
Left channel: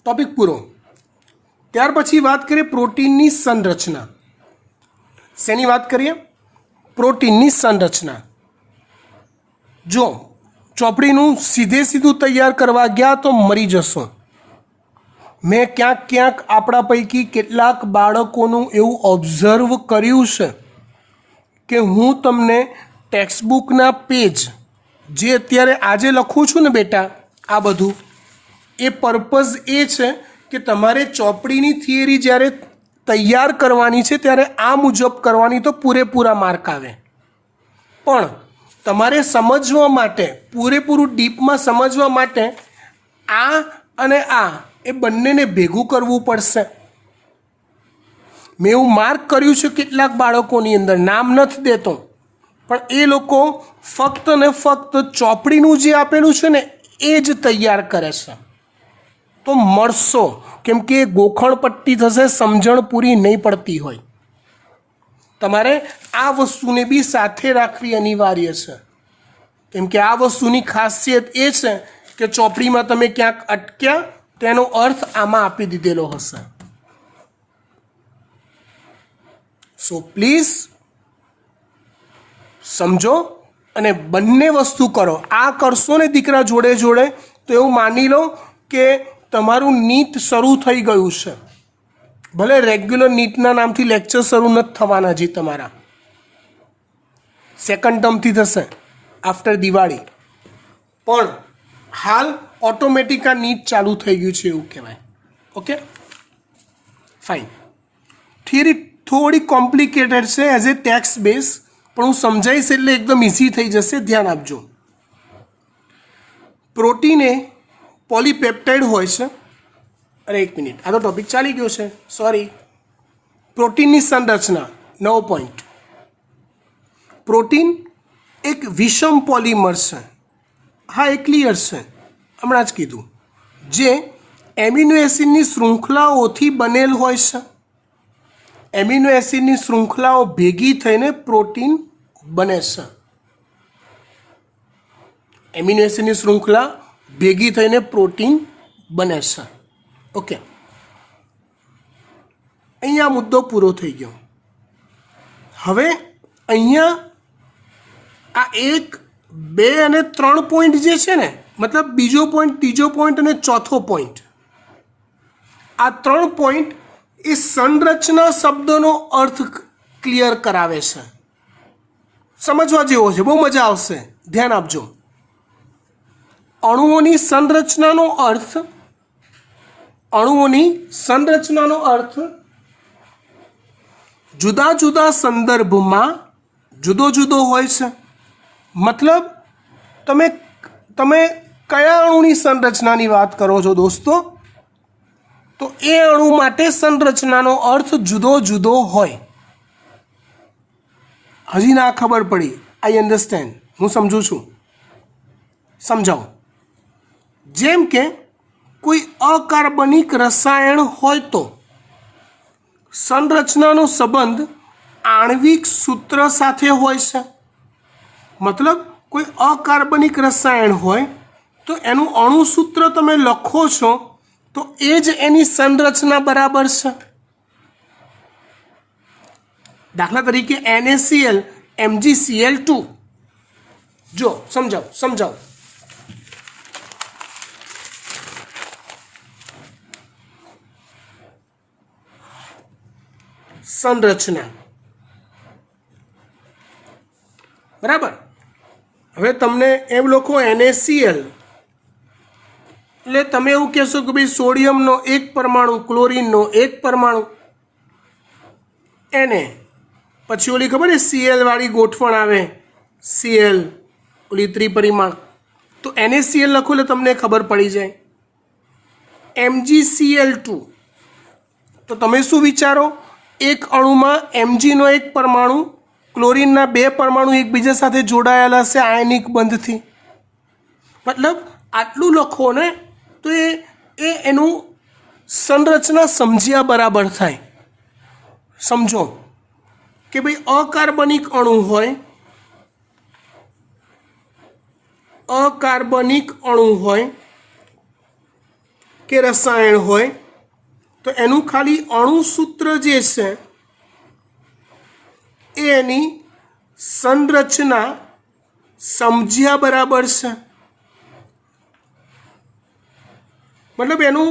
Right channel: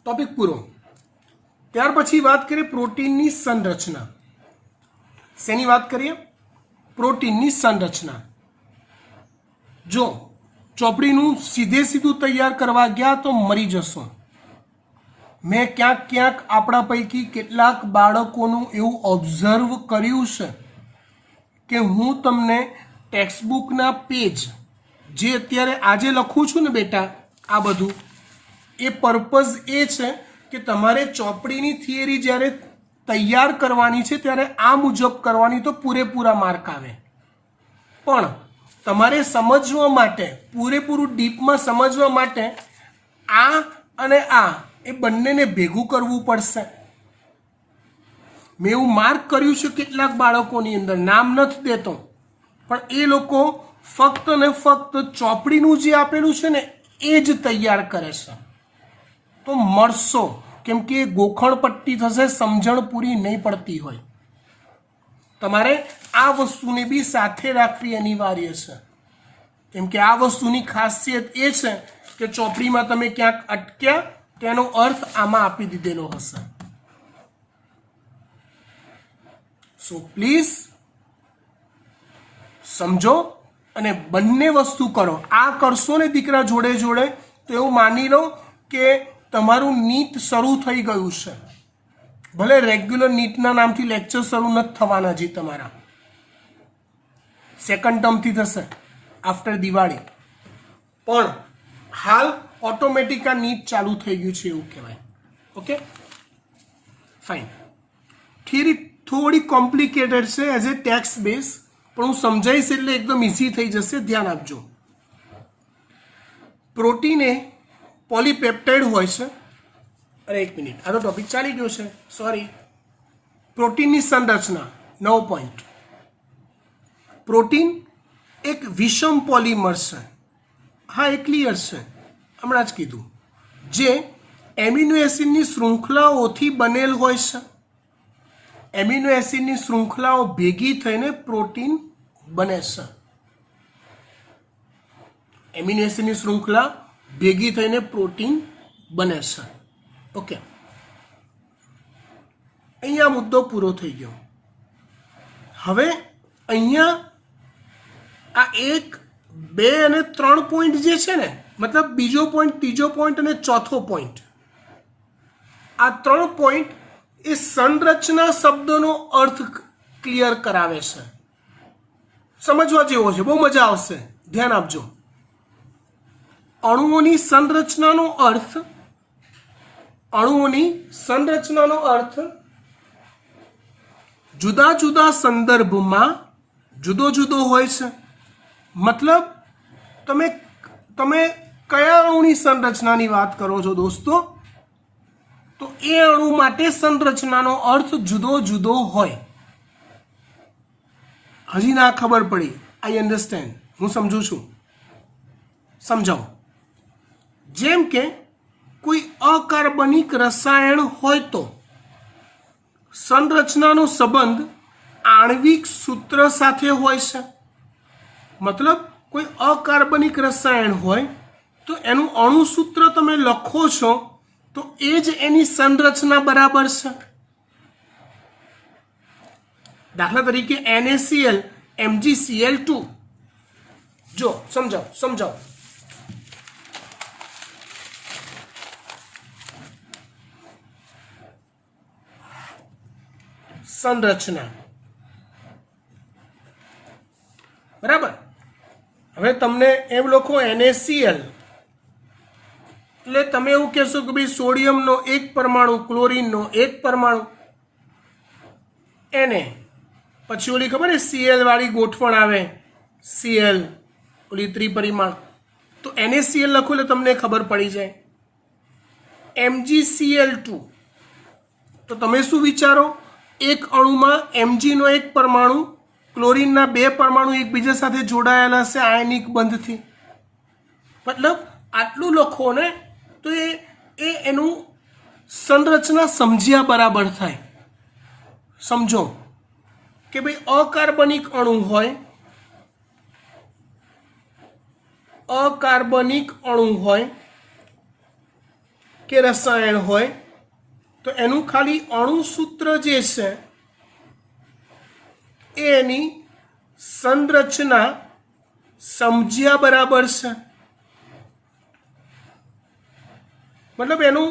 ટોપિક પૂરો. ત્યાર પછી વાત કરીએ પ્રોટીનની સંરચના. શેની વાત કરીએ? પ્રોટીનની સંરચના. જો ચોપડીનું સીધું તૈયાર કરવા ગયા તો મરી જશો. મેં ક્યાંક આપણા પૈકી કેટલાક બાળકોનું એવું ઓબ્ઝર્વ કર્યું છે કે હું તમને ટેક્સ્ટબુકના પેજ જે અત્યારે આજે લખું છું ને બેટા, આ બધું એ પર્પઝ એ છે કે તમારે ચોપડીની થિયરી જ્યારે તૈયાર કરવાની છે ત્યારે આ મુજબ કરવાની તો પૂરેપૂરા માર્ક આવે. પણ તમારે સમજવા માટે, પૂરેપૂરું ડીપમાં સમજવા માટે આ અને આ એ બંનેને ભેગું કરવું પડશે. મેં એવું માર્ક કર્યું છે કેટલાક બાળકોની અંદર, નામ નથી દેતો, પણ એ લોકો ફક્ત ને ફક્ત ચોપડીનું જે આપેલું છે ને એ જ તૈયાર કરે છે. તો મળશો, કેમ કે ગોખણ પટ્ટી થશે, સમજણ પૂરી નહીં પડતી હોય. તમારે આ વસ્તુને બી સાથે રાખવી અનિવાર્ય છે. કેમ કે આ વસ્તુની ખાસિયત એ છે કે ચોપડીમાં તમે ક્યાંક અટક્યા તેનો અર્થ આમાં આપી દીધેલો હશે. સો પ્લીઝ સમજો અને બંને વસ્તુ કરો. આ કરશો ને દીકરા જોડે જોડે તો એવું માની લો કે તમારું નીટ શરૂ થઈ ગયું છે. ભલે રેગ્યુલર નીટના નામથી લેક્ચર શરૂ નથી થવાના હજી તમારા, સેકન્ડ ટર્મથી થશે આફ્ટર દિવાળી, પણ હાલ ઓટોમેટિક આ નીટ ચાલુ થઈ ગયું છે એવું કહેવાય. Okay fine. થિયરી થોડી કોમ્પ્લિકેટેડ છે એઝ એ ટેક્સ્ટ બેઝ, પણ હું સમજાવીશ એટલે એકદમ ઇઝી થઈ જશે. ધ્યાન આપજો. પ્રોટીન એ પોલીપેપ્ટાઇડ હોય છે. અરે એક મિનિટ, આ તો ટોપિક ચાલી ગયો છે, સોરી. પ્રોટીનની સંરચના 9 પોઈન્ટ. પ્રોટીન એક વિષમ પોલિમર છે. હા, એ ક્લિયર છે, હમણાં જ કીધું. જે એમિનો એસિડની શૃંખલાઓથી બનેલ હોય છે. એમિનો એસિડની શૃંખલાઓ ભેગી થઈને પ્રોટીન બને છે. એમિનો એસિડની શૃંખલા ભેગી થઈને પ્રોટીન બને છે. ઓકે, અહીંયા મુદ્દો પૂરો થઈ ગયો. હવે અહીંયા આ 1, 2 અને 3 પોઈન્ટ જે છે ને, મતલબ બીજો પોઈન્ટ, ત્રીજો પોઈન્ટ અને ચોથો પોઈન્ટ, આ 3 પોઈન્ટ એ સંરચના શબ્દનો અર્થ ક્લિયર કરાવે છે. સમજવા જેવો છે, બહુ મજા આવશે. ધ્યાન આપજો. અણુઓની સંરચનાનો અર્થ જુદા જુદા સંદર્ભમાં જુદો જુદો હોય છે. મતલબ તમે કયા અણુની સંરચનાની વાત કરો છો દોસ્તો, તો એ અણુ માટે સંરચનાનો અર્થ જુદો જુદો હોય. હજી ના ખબર પડી? આઈ અન્ડરસ્ટેન્ડ, હું સમજું છું. સમજાવો. જેમ કે કોઈ અકાર્બનિક રસાયણ હોય તો સંરચનાનો સંબંધ આણ્વિક સૂત્ર સાથે હોય છે. મતલબ કોઈ અકાર્બનિક રસાયણ હોય તો એનું અણુસૂત્ર તમે લખો છો તો એ જ એની સંરચના બરાબર છે. દાખલા તરીકે NaCl MgCl2. જો સમજાવો. સંરચના બરાબર. હવે તમને એમ લખો NaCl એટલે તમે એવું કહેશો કે ભાઈ સોડિયમનો એક પરમાણુ, ક્લોરીનનો એક પરમાણુ, Na પછી ઓલી ખબર છે Cl વાળી ગોઠવણ આવે, Cl ઓલી ત્રિપરિમાણ, તો NaCl લખો એટલે તમને ખબર પડી જાય. MgCl2 તો તમે શું વિચારો, એક અણુમાં Mgનો એક પરમાણુ, ક્લોરીનના બે પરમાણુ એકબીજા સાથે જોડાયેલા છે આયનિક બંધથી. મતલબ આટલું લખો ને તો એ એનું સંરચના સમજ્યા બરાબર થાય. સમજો કે ભાઈ અકાર્બનિક અણુ હોય કે રસાયણ હોય તો એનું ખાલી અણુસૂત્ર જે છે એ એની સંરચના સમજ્યા બરાબર છે. મતલબ એનું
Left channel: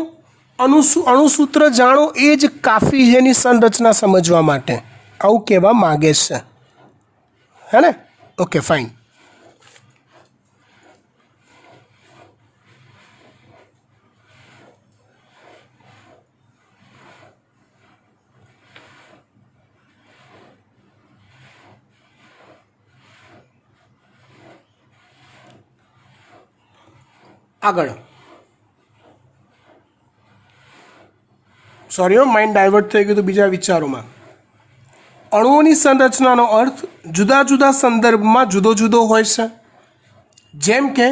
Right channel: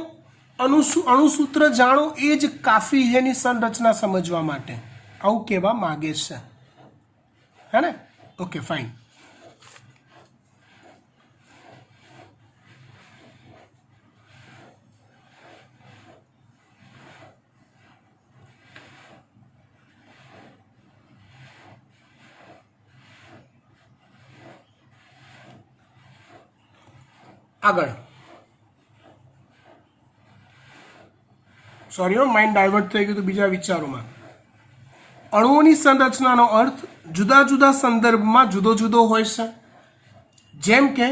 અણુસૂત્ર જાણો એ જ કાફી છે એની સંરચના સમજવા માટે, આવું કહેવા માગે છે. હે ને? Okay, fine. આગળ સોરી, માઇન્ડ ડાયવર્ટ થઈ ગયું તો બીજા વિચારોમાં. અણુઓની સંરચનાનો અર્થ જુદા જુદા સંદર્ભમાં જુદો જુદો હોય છે. જેમ કે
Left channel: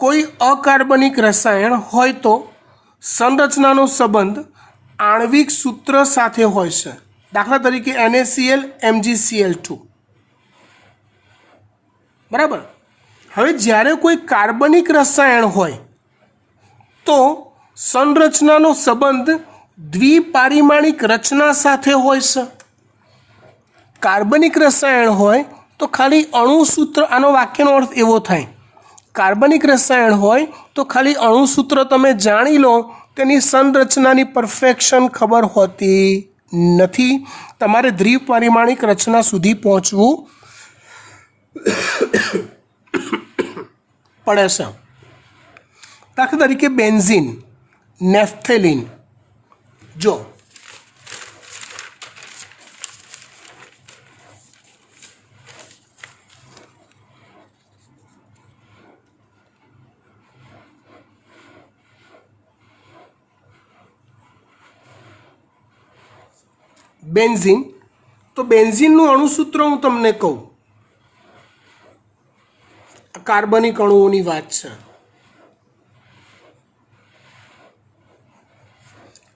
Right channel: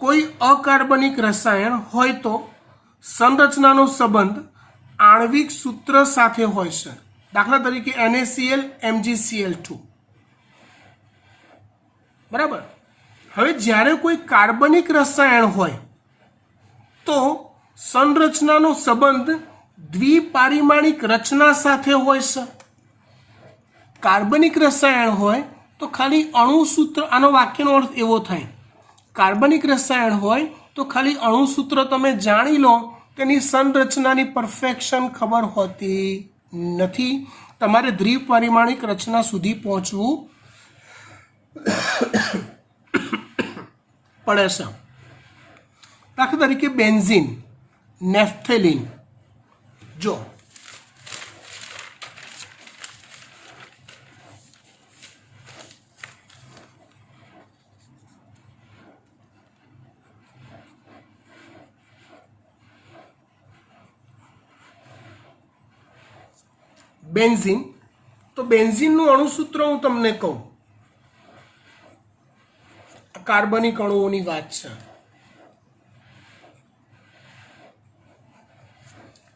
કોઈ અકાર્બનિક રસાયણ હોય તો સંરચનાનો સંબંધ આણ્વિક સૂત્ર સાથે હોય છે. દાખલા તરીકે NaCl MgCl2. બરાબર. હવે જ્યારે કોઈ કાર્બનિક રસાયણ હોય તો સંરચનાનો સંબંધ દ્વિપારિમાણિક રચના સાથે હોય છે. કાર્બનિક રસાયણ હોય તો ખાલી અણુસૂત્ર, આનો વાક્યનો અર્થ એવો થાય, કાર્બનિક રસાયણ હોય તો ખાલી અણુસૂત્ર તમે જાણી લો, તેની સંરચનાની પરફેક્શન ખબર હોતી નથી. તમારે દ્વિપારિમાણિક રચના સુધી પહોંચવું પડે છે. દાખલા તરીકે બેન્ઝીન, નેફ્થેલિન. જો બેન્ઝીન, તો બેન્ઝીનનું અણુસૂત્ર હું તમને કહું, કાર્બનિક અણુઓની વાત છે.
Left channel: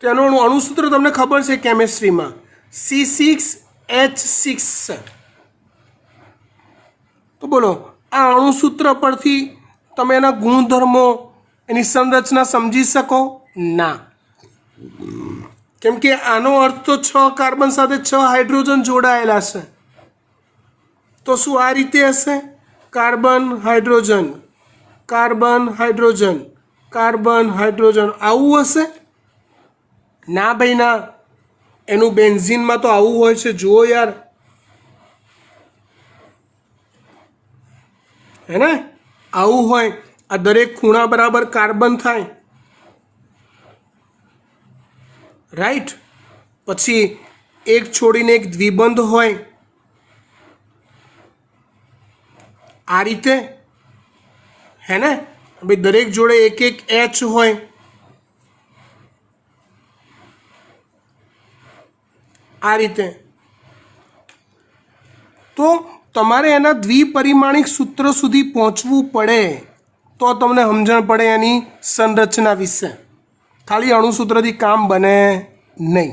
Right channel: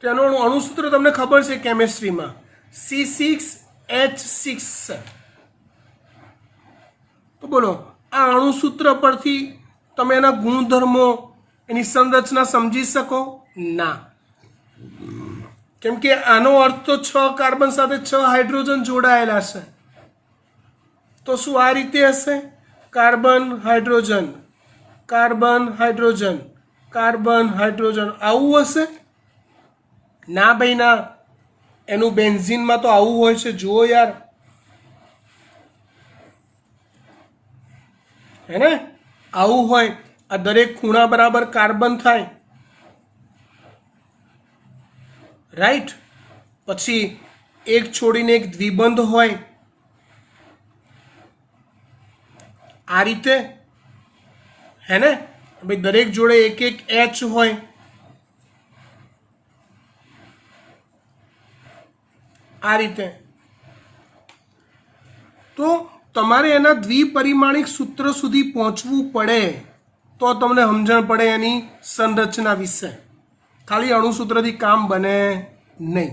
તેનું અણુસૂત્ર તમને ખબર છે કેમિસ્ટ્રીમાં, C6H6. તો બોલો આ અણુસૂત્ર પરથી તમે એના ગુણધર્મો, એની સંરચના સમજી શકો ના? કેમ કે આનો અર્થ તો 6 કાર્બન સાથે 6 હાઇડ્રોજન જોડાયેલા છે. તો શું આ રીતે હશે? Carbon hydrogen, carbon hydrogen, carbon hydrogen, આવું હશે? ના ભાઈ ના. એનું બેન્ઝીનમાં તો આવું હોય છે, જુઓ યાર. હે ને? આવું હોય. આ દરેક ખૂણા બરાબર કાર્બન થાય, રાઈટ. પછી એક છોડીને એક દ્વિબંધ હોય આ રીતે, હે ને. ભાઈ દરેક જોડે એક એક એચ હોય, આ રીતે. તો તમારે એના દ્વિપરિમાણિક સૂત્ર સુધી પહોંચવું પડે તો તમને સમજણ પડે એની સંરચના વિશે. ખાલી અણુસૂત્રથી કામ બને નહીં.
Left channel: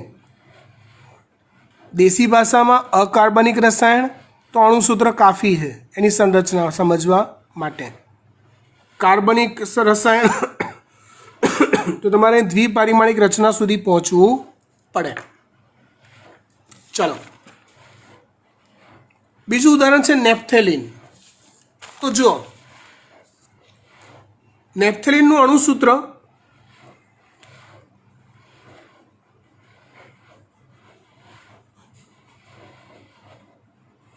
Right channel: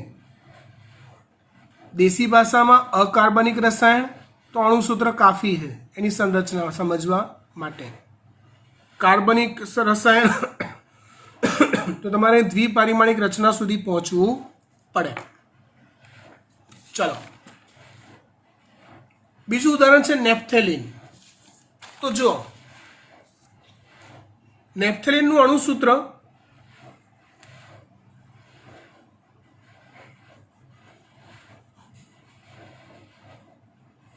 દેશી ભાષામાં અકાર્બનિક રસાયણ તો અણુસૂત્ર કાફી છે એની સંરચના સમજવા માટે. કાર્બનિક રસાયણ તો તમારે દ્વિપરિમાણિક રચના સુધી પહોંચવું પડે. ચલો, બીજું ઉદાહરણ છે નેપ્થેલિન. તો જો નેપ્થેલિનનું અણુસૂત્ર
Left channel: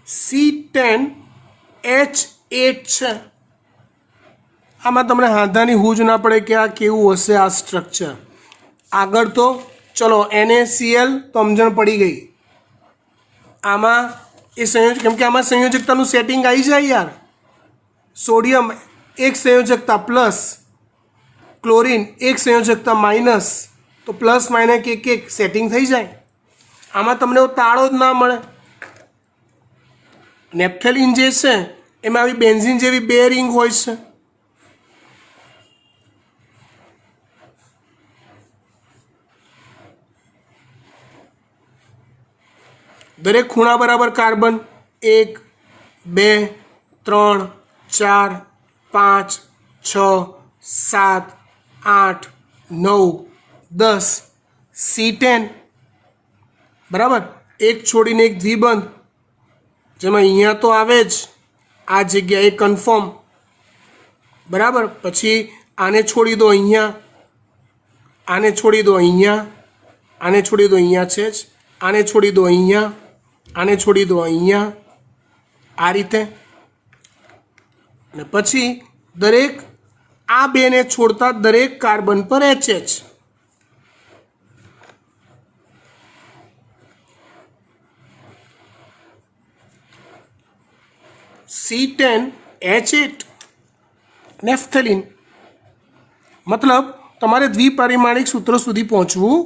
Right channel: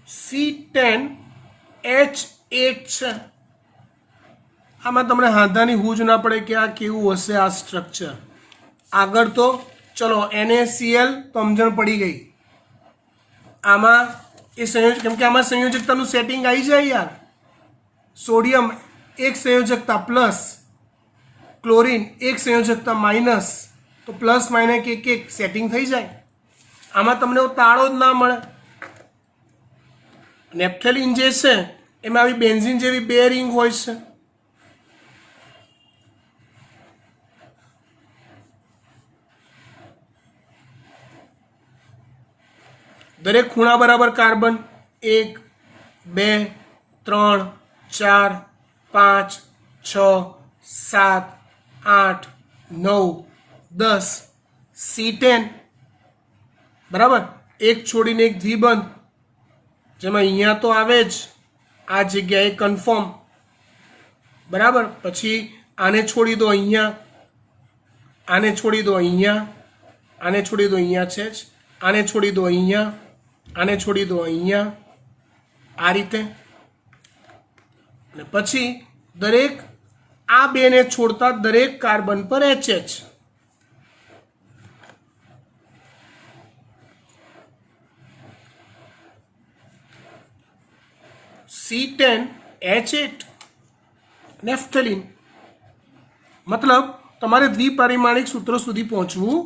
C10H8 છે. આમાં તમને હાંધાની હૂજ ના પડે કે આ કેવું હશે આ સ્ટ્રક્ચર. આગળ તો ચલો NaCl તો સમજણ પડી ગઈ. આમાં એ સંયોજક, કેમ કે આમાં સંયોજકતાનું સેટિંગ આવી જાય યાર. સોડિયમ એક સંયોજકતા પ્લસ, ક્લોરીન એક સંયોજકતા માઇનસ, તો પ્લસ માઇનસ એક એક સેટિંગ થઈ જાય. આમાં તમને તાળો જ ના મળે. નેપ્થેલિન જે છે એમાં આવી બેન્ઝીન જેવી બે રિંગ હોય છે. દરેક ખૂણા બરાબર કાર્બન 1 2 3 4 5 6 7 8 9 10 C10 બરાબર. એક છોડીને એક દ્વિબંધ, જેમાં અહીંયા તો આવે જ આ જગ્યાએ કન્ફર્મ, બરાબર. પછી આને છોડી દો અહીંયા, આને છોડી દો અહીંયા, આને છોડી દો અહીંયા છે જ, આને છોડી દો અહીંયા, આને છોડી દો અહીંયા, આ રીતે. અને પછી દરેક આ બેને છોડતા દરેક કાર્બન પર HH. C10H8 naphthalene. મતલબ તમારે દ્વિપરિમાણિક સૂત્રો સુધી પહોંચવું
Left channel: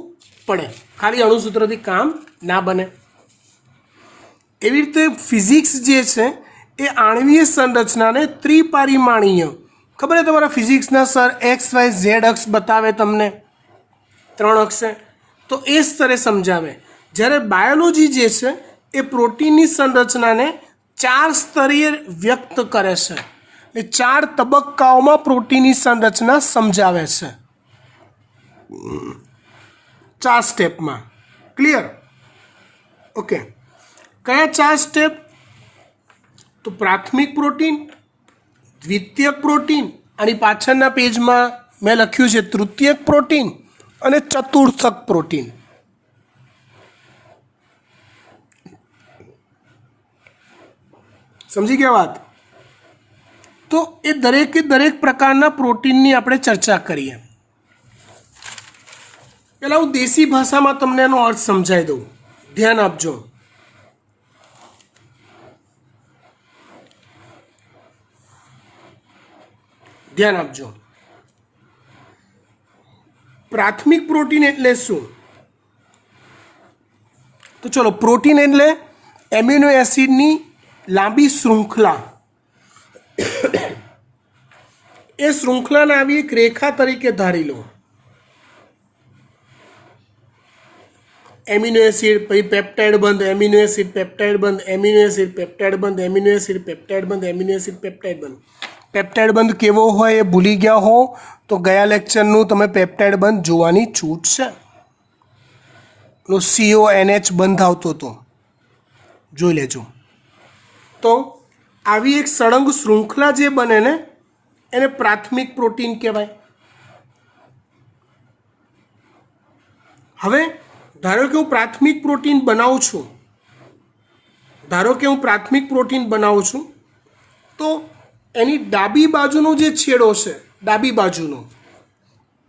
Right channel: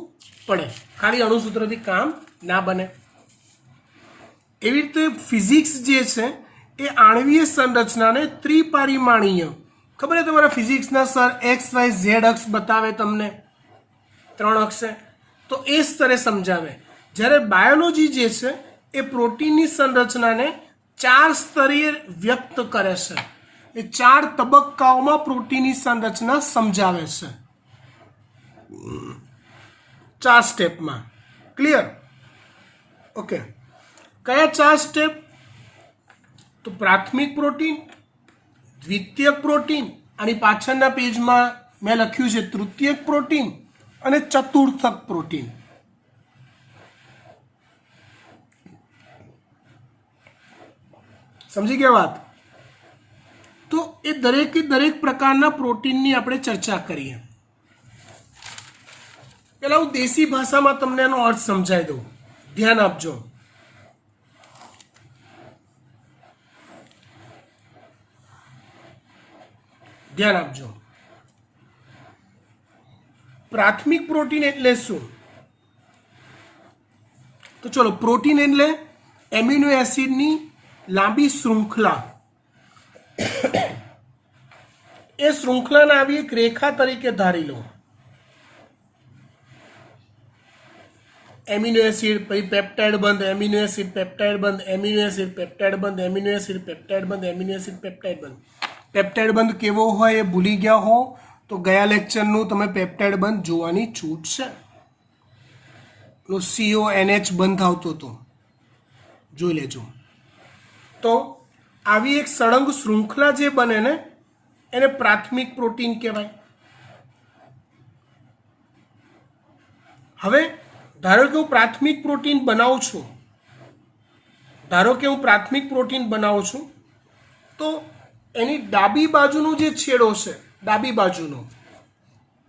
પડે, ખાલી અણુસૂત્રથી કામ ના બને. એવી રીતે ફિઝિક્સ જે છે એ આણ્વીય સંરચનાને ત્રિપરિમાણીય, ખબર છે તમારા ફિઝિક્સના સર XYZ અક્ષ બતાવે તમને 3 અક્ષે, તો એ સ્તરે સમજાવે. જ્યારે બાયોલોજી જે છે એ પ્રોટીનની સંરચનાને 4 સ્તરીય વ્યક્ત કરે છે. એ 4 તબક્કાઓમાં પ્રોટીનની સંરચના સમજાવે છે, 4 સ્ટેપમાં. ક્લિયર? ઓકે. કયા 4 સ્ટેપ? તો પ્રાથમિક પ્રોટીન, દ્વિતીયક પ્રોટીન, આની પાછળના પેજમાં મેં લખ્યું છે તૃતીયક પ્રોટીન અને ચતુર્થક પ્રોટીન. સમજી ગયા વાત? તો એ દરેકે દરેક પ્રકારના પ્રોટીનની આપણે ચર્ચા કરીએ. પહેલાં હું દેશી ભાષામાં તમને એનો અર્થ સમજાવી દઉં, ધ્યાન આપજો. ધ્યાન આપજો. પ્રાથમિક પ્રોટીન એટલે શું? તો ચલો, પ્રોટીન એટલે એમિનો એસિડની લાંબી શૃંખલા. એ શૃંખલાને આવી એક રેખા તરીકે ધારી લો. એમિનો એસિડ, પછી પેપ્ટાઇડ બંધ, એમિનો એસિડ, પેપ્ટાઇડ બંધ, એમિનો એસિડ, પેપ્ટાઇડ બંધ, એમિનો એસિડ, પેપ્ટાઇડ બંધ, એમિનો એસિડ, પેપ્ટાઇડ બંધ. પેપ્ટાઇડ બંધ કેવો હોય એ ભૂલી ગયા હો તો ગયા લેક્ચરનું તમે પેપ્ટાઇડ બંધ જોવાની છૂટ છે. CONH બંધ આવતો હતો, જોઈ લેજો. તો આવી એક સળંગ શૃંખલા જે બને ને એને પ્રાથમિક પ્રોટીન કહેવાય. હવે ધારો કે હું પ્રાથમિક પ્રોટીન બનાવું છું, તો એની ડાબી બાજુનો જે છેડો છે ડાબી બાજુનો,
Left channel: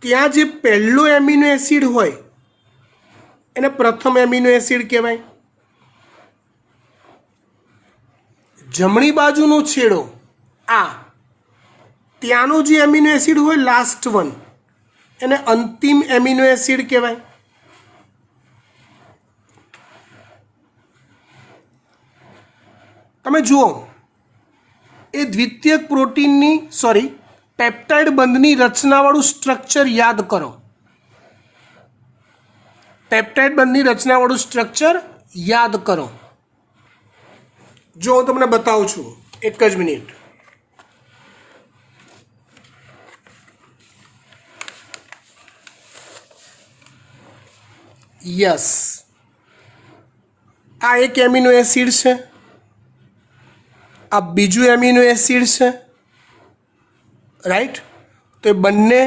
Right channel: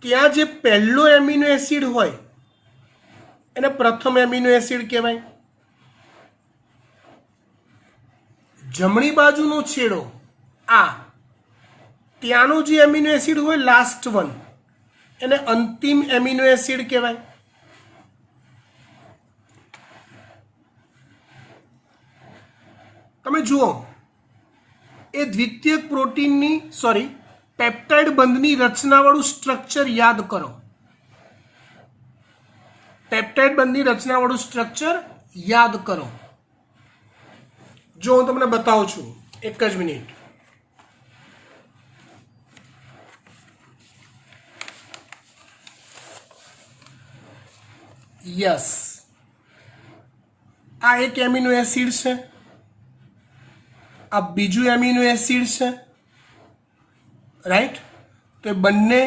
ત્યાં જે પહેલો એમિનો એસિડ હોય એને પ્રથમ એમિનો એસિડ કહેવાય. જમણી બાજુનો છેડો આ, ત્યાંનો જે એમિનો એસિડ હોય લાસ્ટ વન એને અંતિમ એમિનો એસિડ કહેવાય. તમે જુઓ એ દ્વિતીયક પ્રોટીનની પેપ્ટાઇડ બંધની રચનાવાળું સ્ટ્રક્ચર યાદ કરો. પેપ્ટાઇડ બંધની રચનાવાળું સ્ટ્રક્ચર યાદ કરો. જો હું તમને બતાવું છું, એક જ મિનિટ. યસ, આ એક એમિનો એસિડ છે, આ બીજું એમિનો એસિડ છે, રાઈટ. તો એ બંને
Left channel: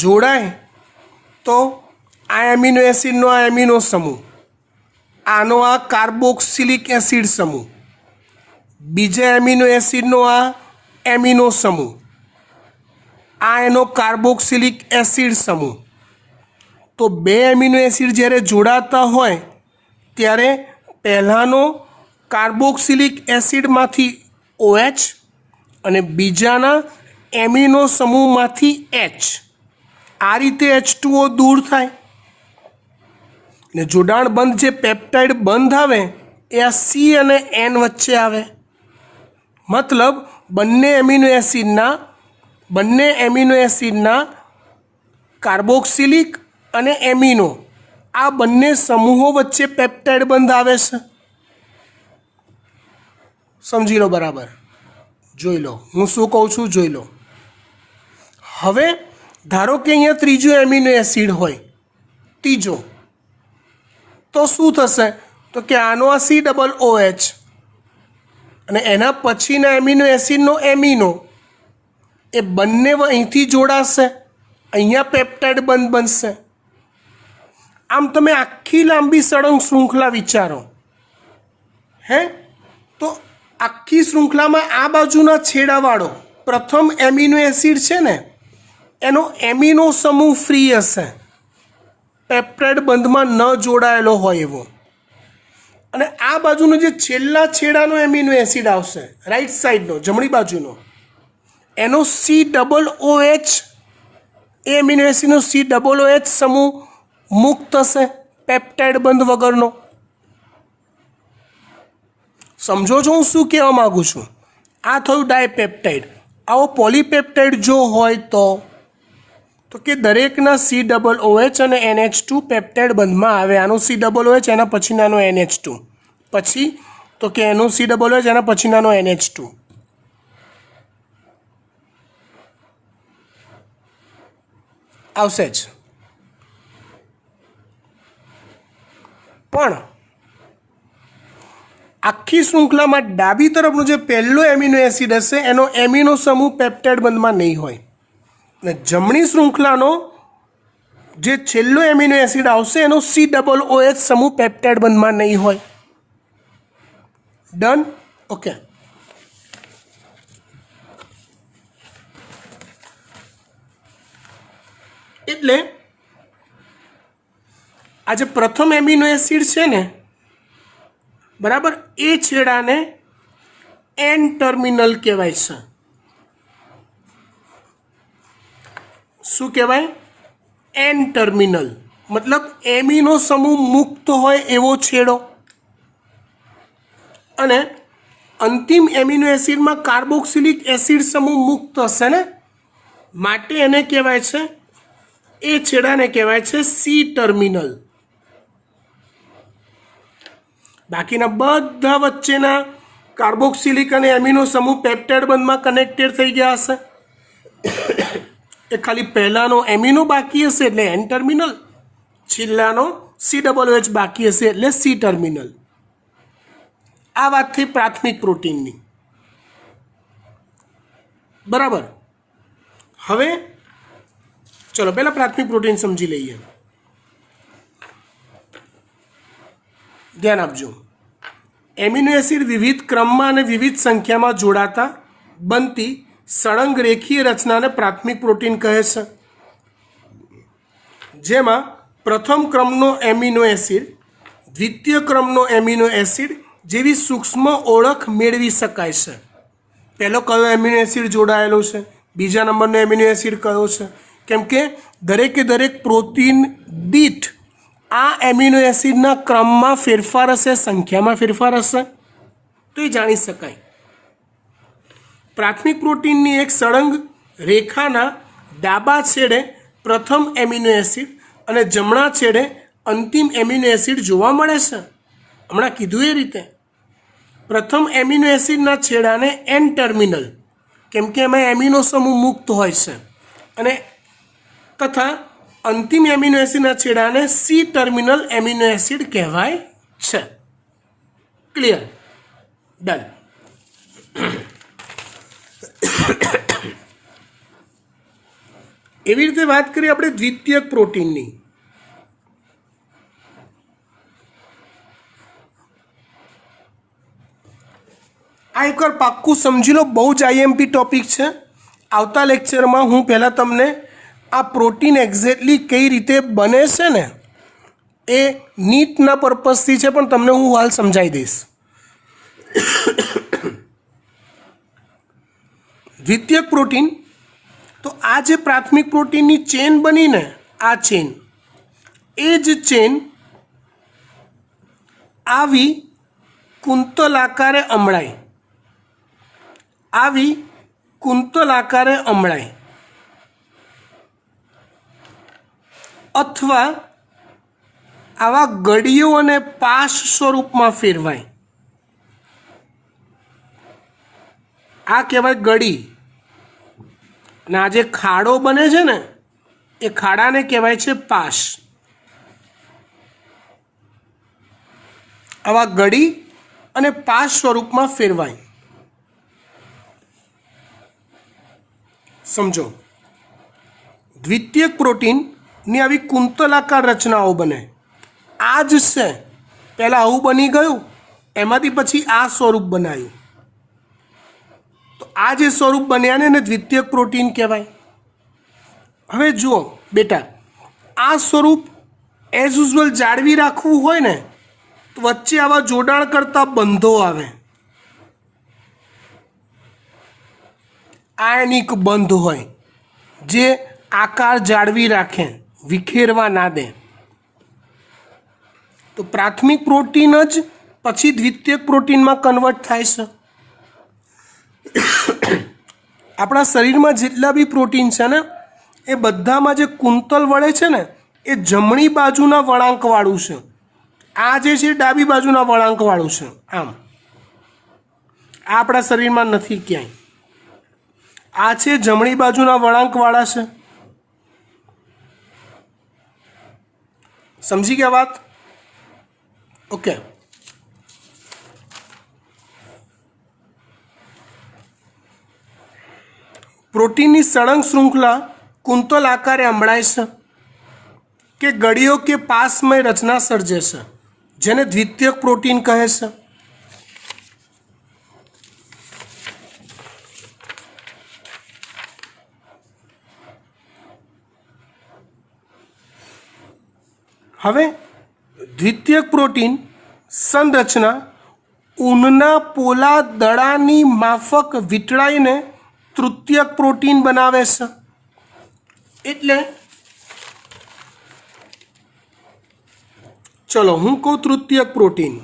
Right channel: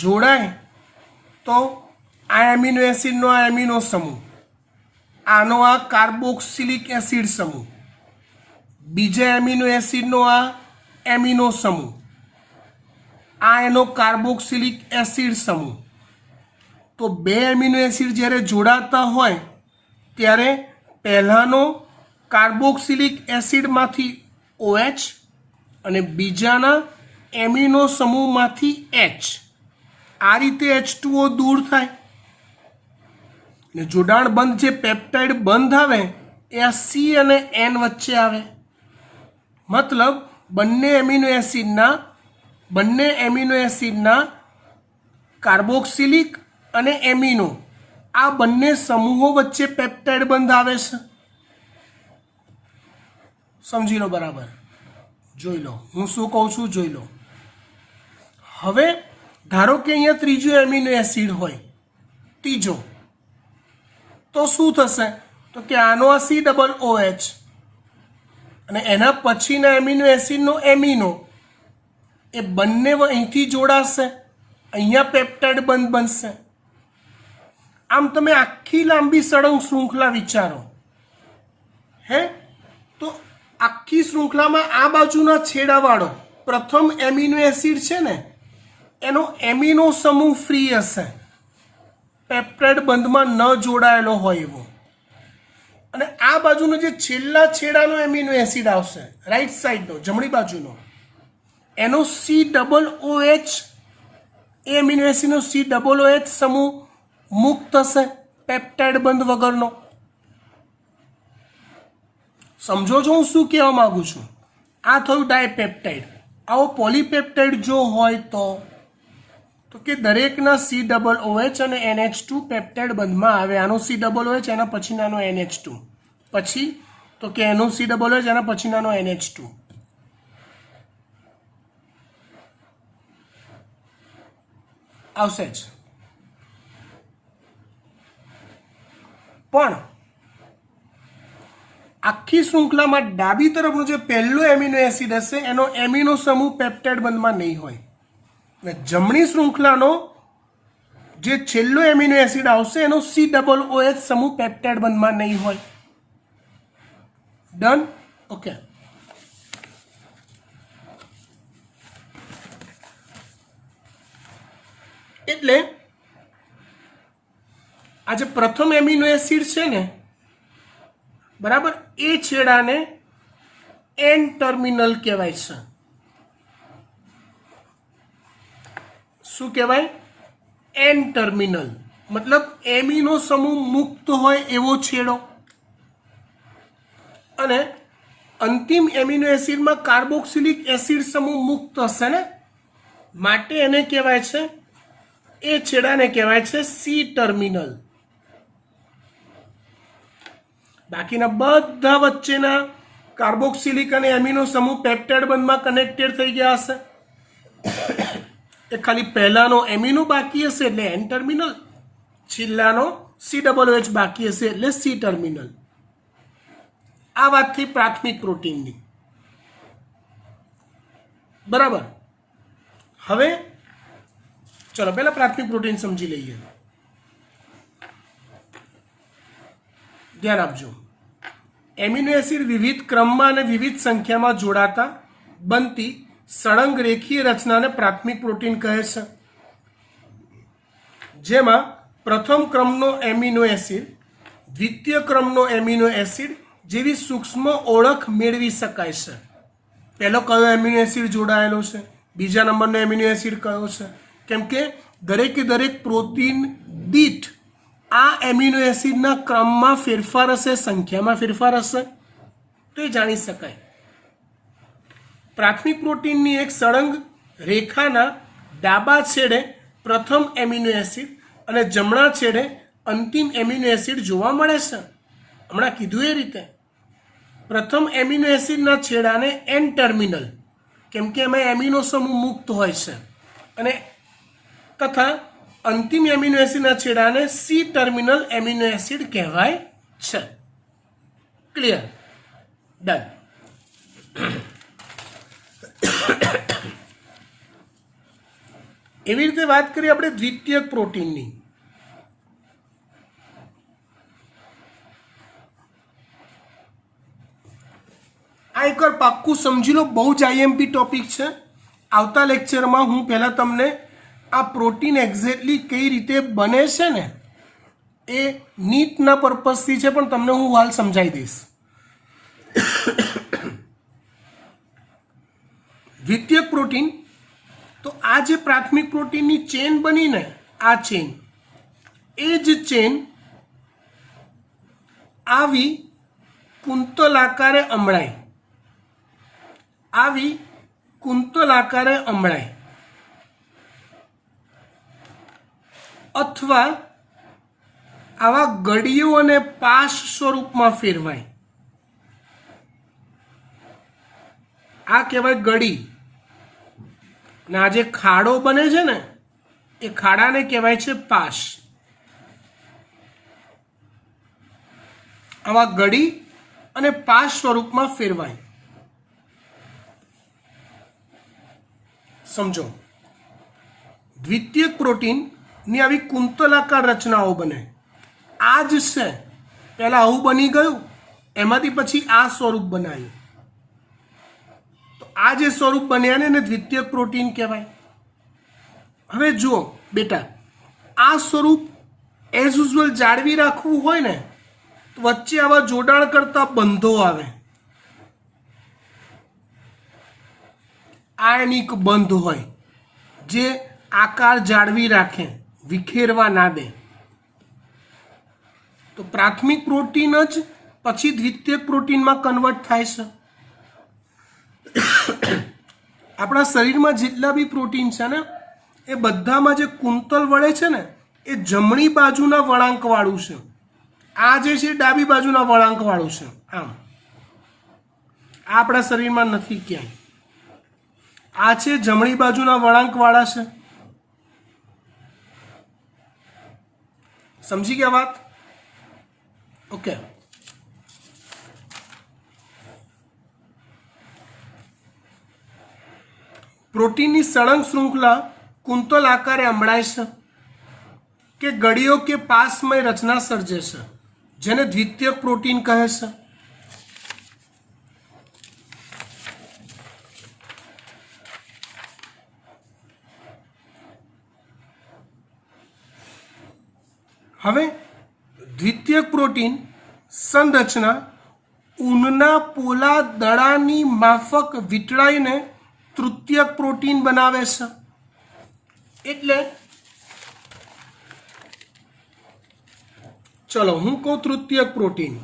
જોડાય તો આ એમિનો એસિડનો આ એમિનો સમૂહ, આનો આ કાર્બોક્સિલિક એસિડ સમૂહ, બીજા એમિનો એસિડનો આ એમિનો સમૂહ, આ એનો કાર્બોક્સિલિક એસિડ સમૂહ. તો બે એમિનો એસિડ જ્યારે જોડાતા હોય ત્યારે પહેલાંનો કાર્બોક્સિલિક એસિડમાંથી OH અને બીજાના એમિનો સમૂહમાંથી H, આ રીતે H2O દૂર થાય ને જોડાણ બંધ જે પેપ્ટાઇડ બંધ આવે એ આ C અને N વચ્ચે આવે. મતલબ બંને એમિનો એસિડના કાર્બોક્સિલિક અને એમિનો આ બંને સમૂહો વચ્ચે પેપ્ટાઇડ બંધ આવે છે. સમજી લો બરાબર, જોઈ લો હું શું કહું છું, જોઈ લો. હવે ધારો કે અહીંયા ત્રીજો એમિનો એસિડ હોય, ત્રીજો, તો શું થશે? તો કે આનો આ COOH અને એના પછીના એમિનો એસિડનો એમિનો, એ બંને અહીંથી જોડાશે, અહીંયા પેપ્ટાઇડ બંધ બનશે. આમ તમે આખી લાંબી સળંગ શૃંખલા વિચારો. તો આખી શૃંખલામાં આ બાજુના છેડાવાળો પ્રથમ એમિનો એસિડ છે ને એનો એમિનો સમૂહ ફ્રી હશે, પેપ્ટાઇડ બંધમાં ન જોડાયેલો હોય એવો. અને આ બાજુનો જે છેલ્લા છેડાનો એમિનો એસિડ આવશે, રાઈટ સાઈડનો, જમણી બાજુનો, એનો COOH, એ એમિનો એસિડનો COOH સમૂહ મુક્ત થશે પેપ્ટાઇડ બંધ વગરનો. સમજો છો હું શું કહેવા માગું છું? આ થયું ડાયપેપ્ટાઇડ. આવો પોલીપેપ્ટાઇડ જો હોય તો કે દરેકના COOH અને NH2 પેપ્ટાઇડ બંધમાં આવે. આનો COOH એના પછીનાનો NH2, પછી તો કે એનું COOH એના પછીનાનો NH2. આવશે જ. પણ આખી શૃંખલામાં ડાબી તરફનો જે પહેલો એમિનો એસિડ હશે એનો એમિનો સમૂહ પેપ્ટાઇડ બંધમાં નહીં હોય, અને જમણી શૃંખલાનો જે છેલ્લો એમિનો એસિડ આવશે એનો COOH સમૂહ પેપ્ટાઇડ બંધમાં નહીં હોય. ડન? ઓકે. એટલે આ જે પ્રથમ એમિનો એસિડ છે ને, બરાબર, એ છેડાને N ટર્મિનલ કહેવાય છે. શું કહેવાય? N ટર્મિનલ, મતલબ એમિનો સમૂહ મુક્ત હોય એવો છેડો. અને અંતિમ એમિનો એસિડમાં કાર્બોક્સિલિક એસિડ સમૂહ મુક્ત હશે ને, માટે એને કહેવાય છે, એ છેડાને કહેવાય છે C ટર્મિનલ. બાકીના બધા વચ્ચેના કાર્બોક્સિલિક અને એમિનો સમૂહ પેપ્ટાઇડ બંધમાં કનેક્ટેડ થઈ ગયા હશે. એ ખાલી પહેલાનો એમિનો બાકી હશે એટલે N ટર્મિનલ, છેલ્લાનો COOH બાકી હશે એટલે C ટર્મિનલ. આ વાત થઈ પ્રાથમિક પ્રોટીનની. બરાબર. હવે ચલો પહેલા પ્રાથમિક પ્રોટીન સમજી લઈએ. ધ્યાન આપજો. એમિનો એસિડ વિવિધ ક્રમમાં અને વિવિધ સંખ્યામાં જોડાતા બનતી સળંગ રેખીય રચનાને પ્રાથમિક પ્રોટીન કહે છે, જેમાં પ્રથમ ક્રમનો એમિનો એસિડ, દ્વિતીય ક્રમનો એમિનો એસિડ જેવી સૂક્ષ્મ ઓળખ મેળવી શકાય છે. પહેલો કયો એમિનો એસિડ જોડાયેલો છે, બીજા નંબરનો એમિનો એસિડ કયો છે, કેમ કે દરેકે દરેક પ્રોટીન દીઠ આ એમિનો એસિડના ક્રમમાં ફેરફાર હશે, સંખ્યામાં ફેરફાર હશે, તો એ જાણી શકાય. પ્રાથમિક પ્રોટીનની એક સળંગ રેખાના ડાબા છેડે પ્રથમ એમિનો એસિડ અને જમણા છેડે અંતિમ એમિનો એસિડ જોવા મળે છે. હમણાં કીધું એ રીતે પ્રથમ એમિનો એસિડના છેડાને એન ટર્મિનલ, કેમ કે એમાં એમિનો સમૂહ મુક્ત હોય છે, અને તથા અંતિમ એમિનો એસિડના છેડાને સી ટર્મિનલ એમિનો એસિડ કહેવાય છે. ક્લિયર? ડન. એવી રીતે વાત કરીએ આપણે દ્વિતીયક પ્રોટીનની. આ એકવાર પાક્કું સમજી લો, બહુ જ આઈએમપી ટોપિક છે. આવતા લેક્ચરમાં હું પહેલાં તમને આ પ્રોટીન એક્ઝેક્ટલી કઈ રીતે બને છે ને એ નીટના પર્પઝથી છે, પણ તમને હું હાલ સમજાવી દઈશ. દ્વિતીયક પ્રોટીન, તો આ જે પ્રાથમિક પ્રોટીનની ચેન બની ને, આ ચેન, એ જ ચેન આવી કુંતલ આકારે અમળાય, આવી કુંતલ આકારે અમળાય, અથવા આવા ગળીઓ અને પાશ સ્વરૂપમાં ફેરવાય. આ કહેવાય ગળી, અને આ જે ખાડો બને છે ને એ ખાડાને કહેવાય છે પાશ. આવા ગળી અને પાશ સ્વરૂપમાં ફેરવાય. સમજો, દ્વિતીયક પ્રોટીનની આવી કુંતલાકાર રચનાઓ બને. આ જ છે, પહેલાં આવું બની ગયું, એમાંથી પછી આ સ્વરૂપ બનાવ્યું, તો આ જે સ્વરૂપ બન્યા ને એને દ્વિતીયક પ્રોટીન કહેવાય. હવે જુઓ બેટા, આ સ્વરૂપ એઝ યુઝ્યુઅલ જાળવી રાખવું હોય ને તો વચ્ચે આવા જોડાણ કરતા બંધો આવે. આયનિક બંધ હોય જે આકાર જાળવી રાખે, વિખેરવા ના દે. તો પ્રાથમિક પ્રોટીન જ પછી દ્વિતીયક પ્રોટીનમાં કન્વર્ટ થાય છે. આપણા શરીરમાં જેટલા બી પ્રોટીન છે ને એ બધામાં જે કુંતલ વળે છે ને એ જમણી બાજુના વળાંકવાળું છે, આ જે છે ડાબી બાજુના વળાંકવાળું છે. આમ આ આપણા શરીરમાં નથી ક્યાંય, આ છે જમણી બાજુના વળાંકવાળા છે. સમજી ગયા વાત? ઓકે. પ્રોટીનની સળંગ શૃંખલા કુંતલ આકારે અમળાય છે કે ગળીઓ કે પાસમય રચના સર્જે છે, જેને દ્વિતીયક પ્રોટીન કહે છે. હવે દ્વિતીયક પ્રોટીન સંરચના ઊનના પોલા દડાની માફક વીંટળાઈને તૃતીયક પ્રોટીન બનાવે છે. એટલે ચલો હું કહું તૃતીયક પ્રોટીન.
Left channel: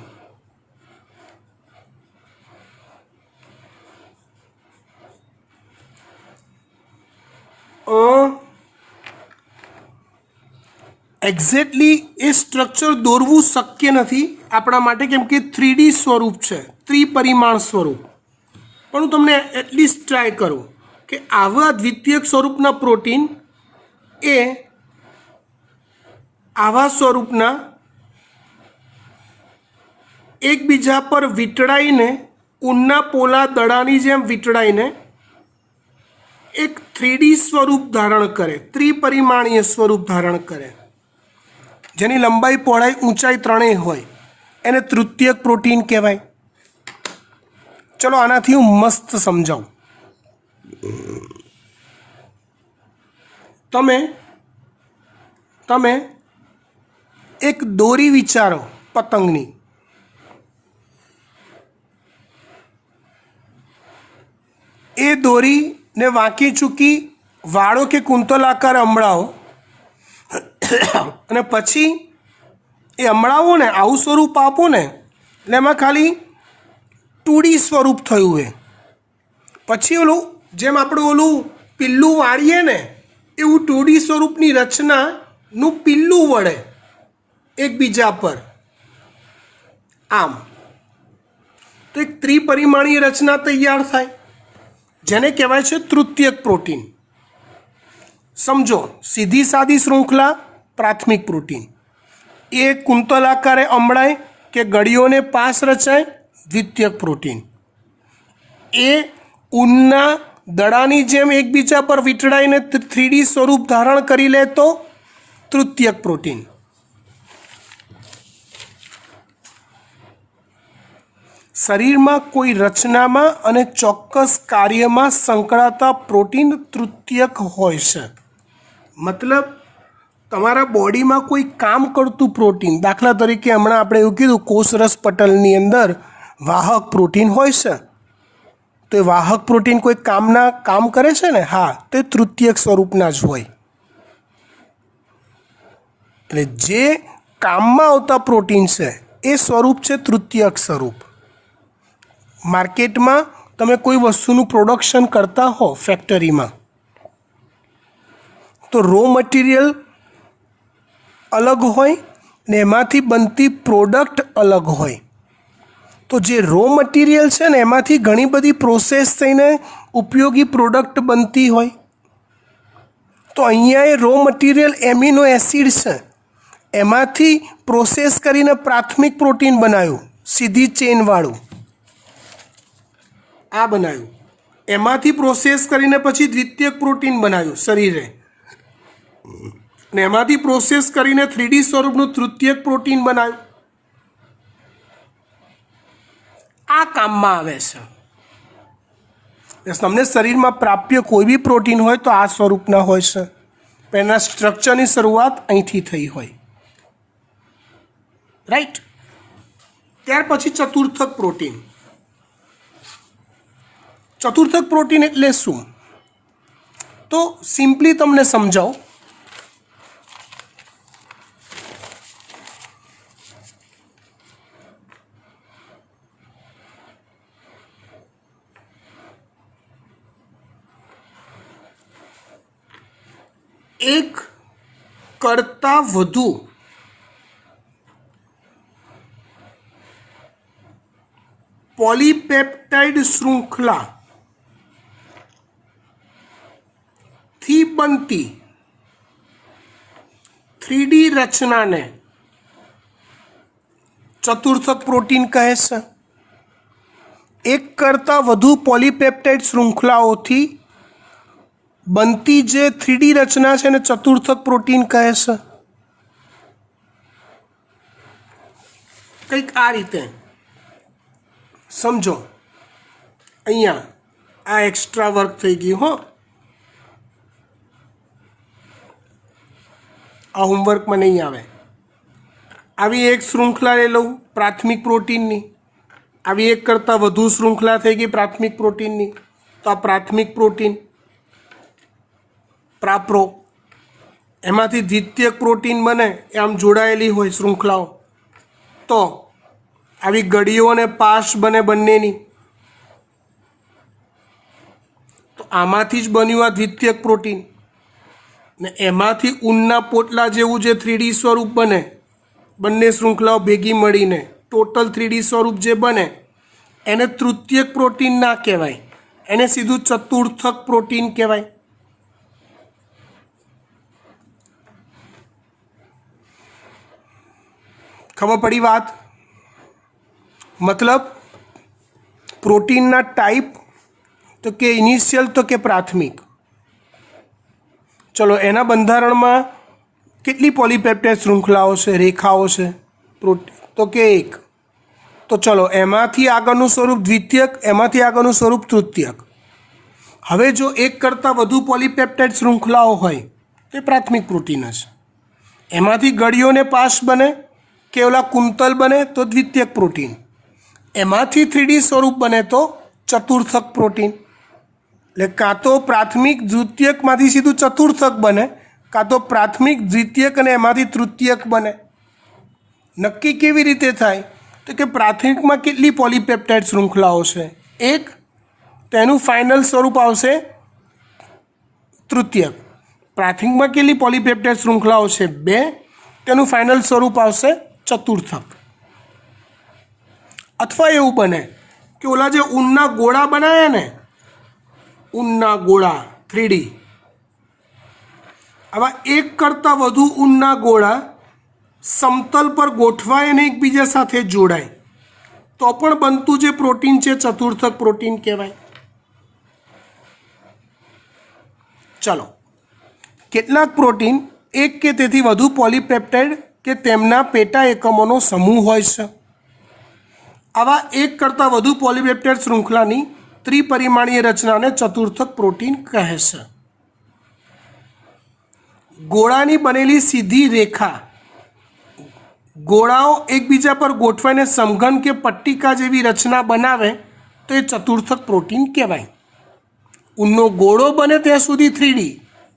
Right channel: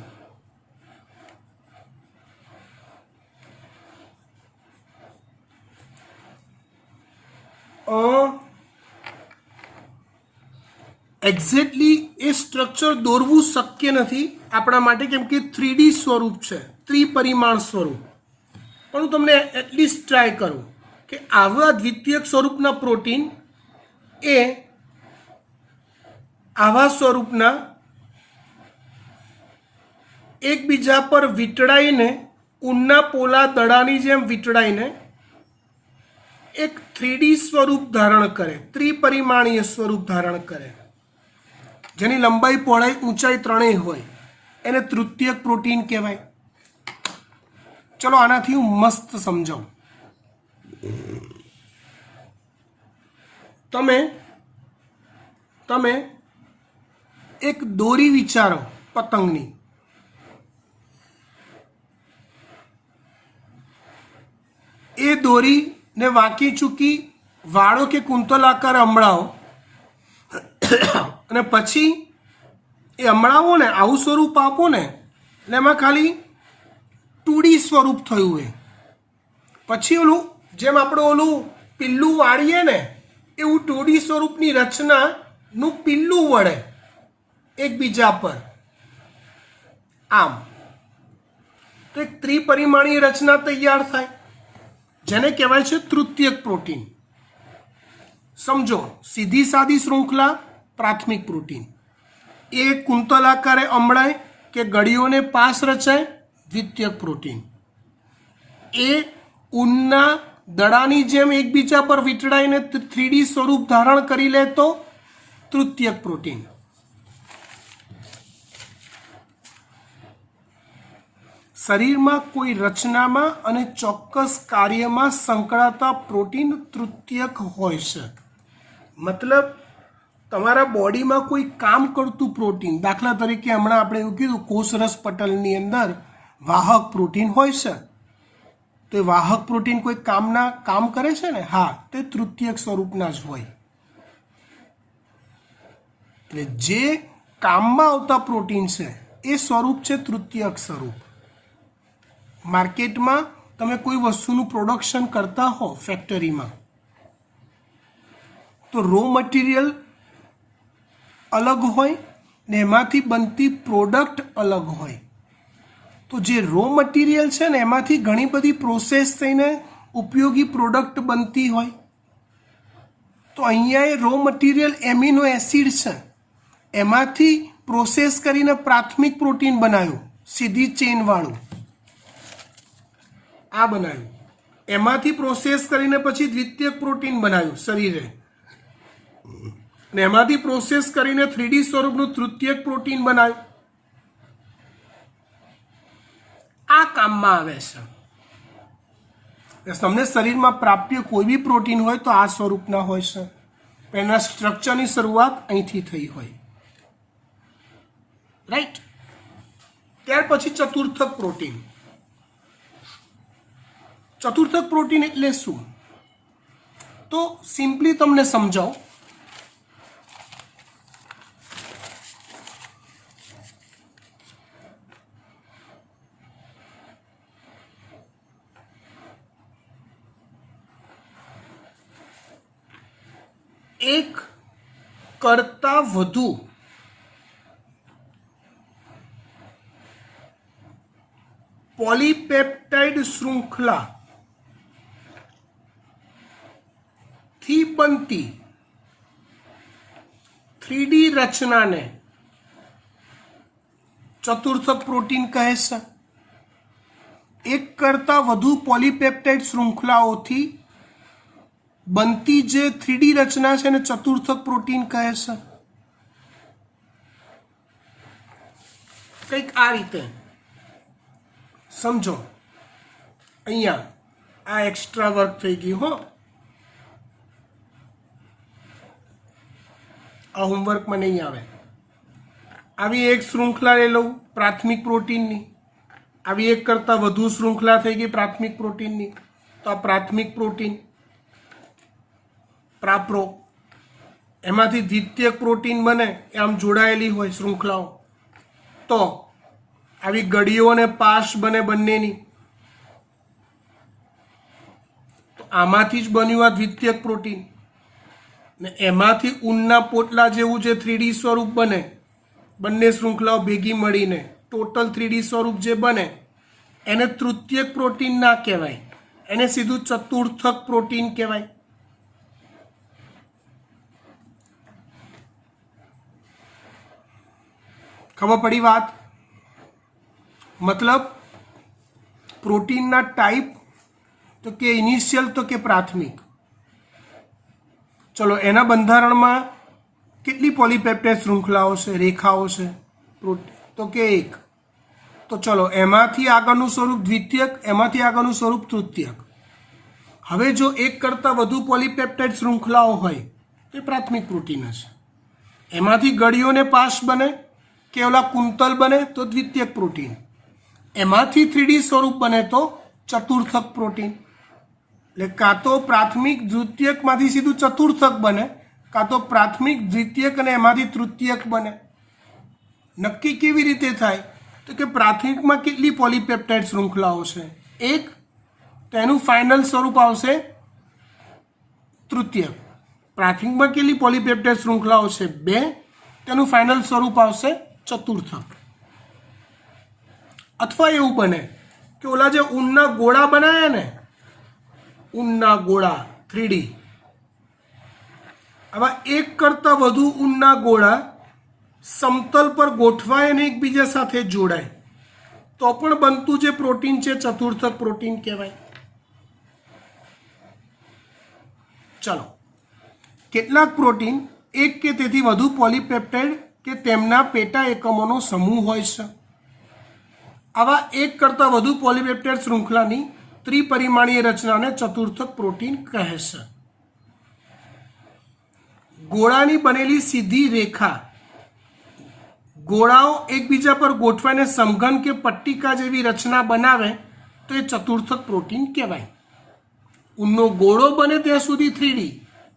એક્ઝેક્ટલી એ સ્ટ્રક્ચર દોરવું શક્ય નથી આપણા માટે, કેમ કે 3D સ્વરૂપ છે, ત્રિપરિમાણ સ્વરૂપ. પણ હું તમને એટલીસ્ટ ટ્રાય કરું કે આવા દ્વિતીયક સ્વરૂપના પ્રોટીન એ આવા સ્વરૂપના એકબીજા પર વીંટળાઈને, ઊનના પોલા દડાની જેમ વીંટળાઈને એક 3D સ્વરૂપ ધારણ કરે, ત્રિપરિમાણીય સ્વરૂપ ધારણ કરે, જેની લંબાઈ, પહોળાઈ, ઊંચાઈ ત્રણેય હોય, એને તૃતીયક પ્રોટીન કહેવાય. ચલો આનાથી હું મસ્ત સમજાવું. તમે તમે એક દોરી વિચારો પતંગની, એ દોરીને વાંકી ચૂકી વાળો કે કુંતલ આકારે અમળાવો અને પછી એ અમળાવો ને આવું સ્વરૂપ આપો ને એટલે એમાં ખાલી 2D સ્વરૂપ થયું. એ પછી ઓલું જેમ આપણે ઓલું પિલ્લું વાળીએ ને એવું 2D સ્વરૂપની રચનાનું પિલ્લું વળે એકબીજા પર આમ, તો એક ત્રિપરિમાણીય રચના તૈયાર થાય, જેને કહેવાય છે તૃતીયક પ્રોટીન. સમજો, સીધી સાદી શૃંખલા પ્રાથમિક પ્રોટીન, એ કુંતલ આકારે અમળાય કે ગળીઓને પાસ રચાય દ્વિતીયક પ્રોટીન, એ ઊનના દડાની જેમ એકબીજા પર વીંટળાઈને 3D સ્વરૂપ ધારણ કરી લે તો તૃતીયક પ્રોટીન. શરીરમાં કોઈ રચનામાં અને ચોક્કસ કાર્યમાં સંકળાતા પ્રોટીન તૃતીયક હોય છે. મતલબ તમારા બોડીમાં કોઈ કામ કરતું પ્રોટીન, દાખલા તરીકે હમણાં આપણે એવું કીધું કોષરસ પટલની અંદર વાહક પ્રોટીન હોય છે, તો એ વાહક પ્રોટીન કોઈ કામ કરે છે ને, હા, તે તૃતીયક સ્વરૂપના જ હોય. એટલે જે કામમાં આવતા પ્રોટીન છે એ સ્વરૂપ છે તૃતીયક સ્વરૂપ. માર્કેટમાં તમે કોઈ વસ્તુનું પ્રોડક્શન કરતા હો ફેક્ટરીમાં, તો રો મટીરિયલ અલગ હોય ને એમાંથી બનતી પ્રોડક્ટ અલગ હોય. તો જે રો મટીરિયલ છે ને એમાંથી ઘણી બધી પ્રોસેસ થઈને ઉપયોગી પ્રોડક્ટ બનતી હોય. તો અહીંયા એ રો મટીરિયલ એમિનો એસિડ છે, એમાંથી પ્રોસેસ કરીને પ્રાથમિક પ્રોટીન બનાવ્યું, સીધી ચેનવાળું આ બનાવ્યું, એમાંથી પ્રોસેસ કરીને પછી દ્વિતીયક પ્રોટીન બનાવ્યું શરીરે, ને એમાંથી પ્રોસેસ કરીને 3D સ્વરૂપનું તૃતીયક પ્રોટીન બનાવ્યું. આ કામમાં આવે છે. તમને શરીરમાં પ્રાપ્ય કોઈ બી પ્રોટીન હોય તો આ સ્વરૂપના હોય છે, પણ એના સ્ટ્રક્ચરની શરૂઆત અહીંથી થઈ હોય. રાઈટ. ત્યાર પછી ચતુર્થક પ્રોટીન. ચતુર્થક પ્રોટીન એટલે શું? તો સિમ્પલી તમને સમજાવો. એક કરતાં વધુ પોલીપેપ્ટાઇડ શૃંખલા થી બનતી 3D રચનાને ચતુર્થક પ્રોટીન કહે છે. એક કરતાં વધુ પોલીપેપ્ટાઇડ શૃંખલાઓથી બનતી જે 3D રચના છે એને ચતુર્થક પ્રોટીન કહે છે. કંઈક આ રીતે સમજો. અહીંયા આ એક્સ્ટ્રા વર્ક થઈ ગયું હો, આ હોમવર્કમાં નહીં આવે. આવી એક શૃંખલા લઈ લઉં પ્રાથમિક પ્રોટીનની, આવી એક કરતાં વધુ શૃંખલા થઈ ગઈ પ્રાથમિક પ્રોટીનની, તો આ પ્રાથમિક પ્રોટીન પ્રાપ્રો, એમાંથી દ્વિતીયક પ્રોટીન બને એ આમ જોડાયેલી હોય શૃંખલાઓ, તો આવી ગળીઓ અને પાશ બને બંનેની, તો આમાંથી જ બન્યું આ દ્વિતીયક પ્રોટીન. ને એમાંથી ઊનના પોટલા જેવું જે 3D સ્વરૂપ બને, બંને શૃંખલાઓ ભેગી મળીને ટોટલ 3D સ્વરૂપ જે બને એને તૃતીયક પ્રોટીન ના કહેવાય, એને સીધું ચતુર્થક પ્રોટીન કહેવાય. ખબર પડી વાત? મતલબ પ્રોટીનના ટાઈપ તો કે ઇનિશિયલ તો કે પ્રાથમિક. ચલો એના બંધારણમાં કેટલી પોલીપેપ્ટાઇડ શૃંખલાઓ છે, રેખાઓ છે પ્રોટીન? તો કે એક. તો ચલો એમાંથી આગળનું સ્વરૂપ દ્વિતીયક, એમાંથી આગળનું સ્વરૂપ તૃતીયક. હવે જો એક કરતાં વધુ પોલીપેપ્ટાઇડ શૃંખલાઓ હોય તે પ્રાથમિક પ્રોટીન જ. એમાંથી ગળીઓને પાશ બને કે ઓલા કુંતલ બને તો દ્વિતીયક પ્રોટીન. એમાંથી 3D સ્વરૂપ બને તો ચતુર્થક પ્રોટીન. એટલે કાં તો પ્રાથમિક દ્વિતીયકમાંથી સીધું ચતુર્થક બને, કાં તો પ્રાથમિક દ્વિતીયક અને એમાંથી તૃતીયક બને. નક્કી કેવી રીતે થાય? તો કે પ્રાથમિકમાં કેટલી પોલીપેપ્ટાઇડ શૃંખલાઓ છે? 1. તેનું ફાઇનલ સ્વરૂપ આવશે તૃતીયક. પ્રાથમિકમાં કેટલી પોલીપેપ્ટાઇડ શૃંખલાઓ છે? 2. તેનું ફાઇનલ સ્વરૂપ આવશે ચતુર્થક. અથવા એવું બને કે ઓલા જે ઊનના ગોળા બનાવ્યા ને, ઊનના ગોળા 3D, આવા એક કરતાં વધુ ઊનના ગોળા સમતલ પર ગોઠવાય અને એકબીજા સાથે જોડાય તો પણ બનતું જે પ્રોટીન છે ચતુર્થક પ્રોટીન કહેવાય. ચલો, કેટલાક પ્રોટીન એક કે તેથી વધુ પોલીપેપ્ટાઇડ કે તેમના પેટા એકમોનો સમૂહ હોય છે. આવા એક કરતાં વધુ પોલીપેપ્ટાઇડ શૃંખલાની ત્રિપરિમાણીય રચનાને ચતુર્થક પ્રોટીન કહે છે. ગોળાની બનેલી સીધી રેખા ગોળાઓ એકબીજા પર ગોઠવાઈને સમઘન કે પટ્ટિકા જેવી રચના બનાવે તો એ ચતુર્થક પ્રોટીન કહેવાય. ઊનનો ગોળો બને ત્યાં સુધી 3D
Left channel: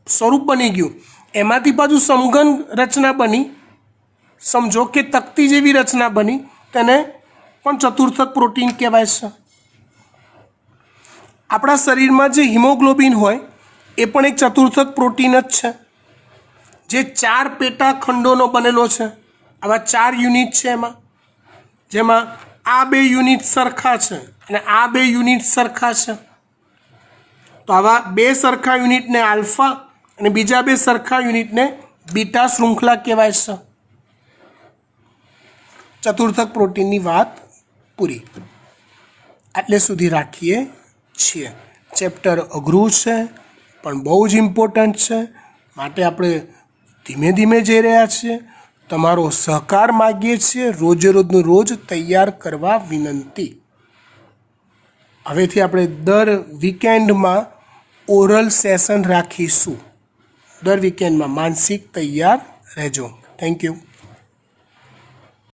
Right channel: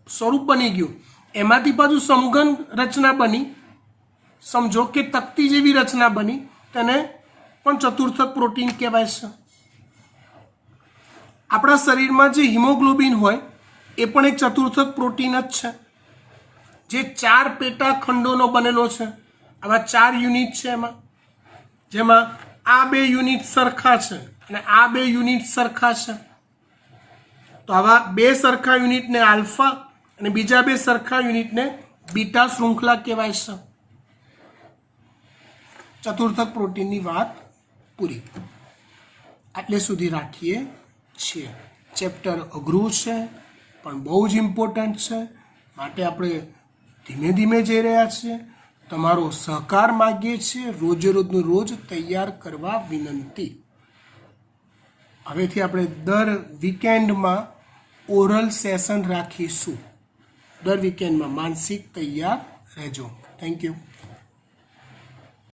સ્વરૂપ બની ગયું, એમાંથી પાછું સમઘન રચના બની, સમજો કે તકતી જેવી રચના બની, તેને પણ ચતુર્થક પ્રોટીન કહેવાય છે. આપણા શરીરમાં જે હિમોગ્લોબિન હોય એ પણ એક ચતુર્થક પ્રોટીન જ છે, જે 4 પેટા ખંડોનો બનેલો છે. આવા 4 યુનિટ છે એમાં, જેમાં આ 2 યુનિટ સરખા છે અને આ 2 યુનિટ સરખા છે. તો આવા 2 સરખા યુનિટને આલ્ફા અને બીજા 2 સરખા યુનિટને બીટા શૃંખલા કહેવાય છે. ચતુર્થક પ્રોટીનની વાત પૂરી. આટલે સુધી રાખીએ છીએ. ચેપ્ટર અઘરું છે પણ બહુ જ ઇમ્પોર્ટન્ટ છે, માટે આપણે ધીમે ધીમે જઈ રહ્યા છીએ. તમારો સહકાર માગીએ છીએ, રોજે રોજનું રોજ તૈયાર કરવા વિનંતી. હવેથી આપણે દર વીકેન્ડમાં ઓરલ સેશન રાખીશું. દર વીકેન્ડમાં માનસિક તૈયાર રહેજો. Thank you.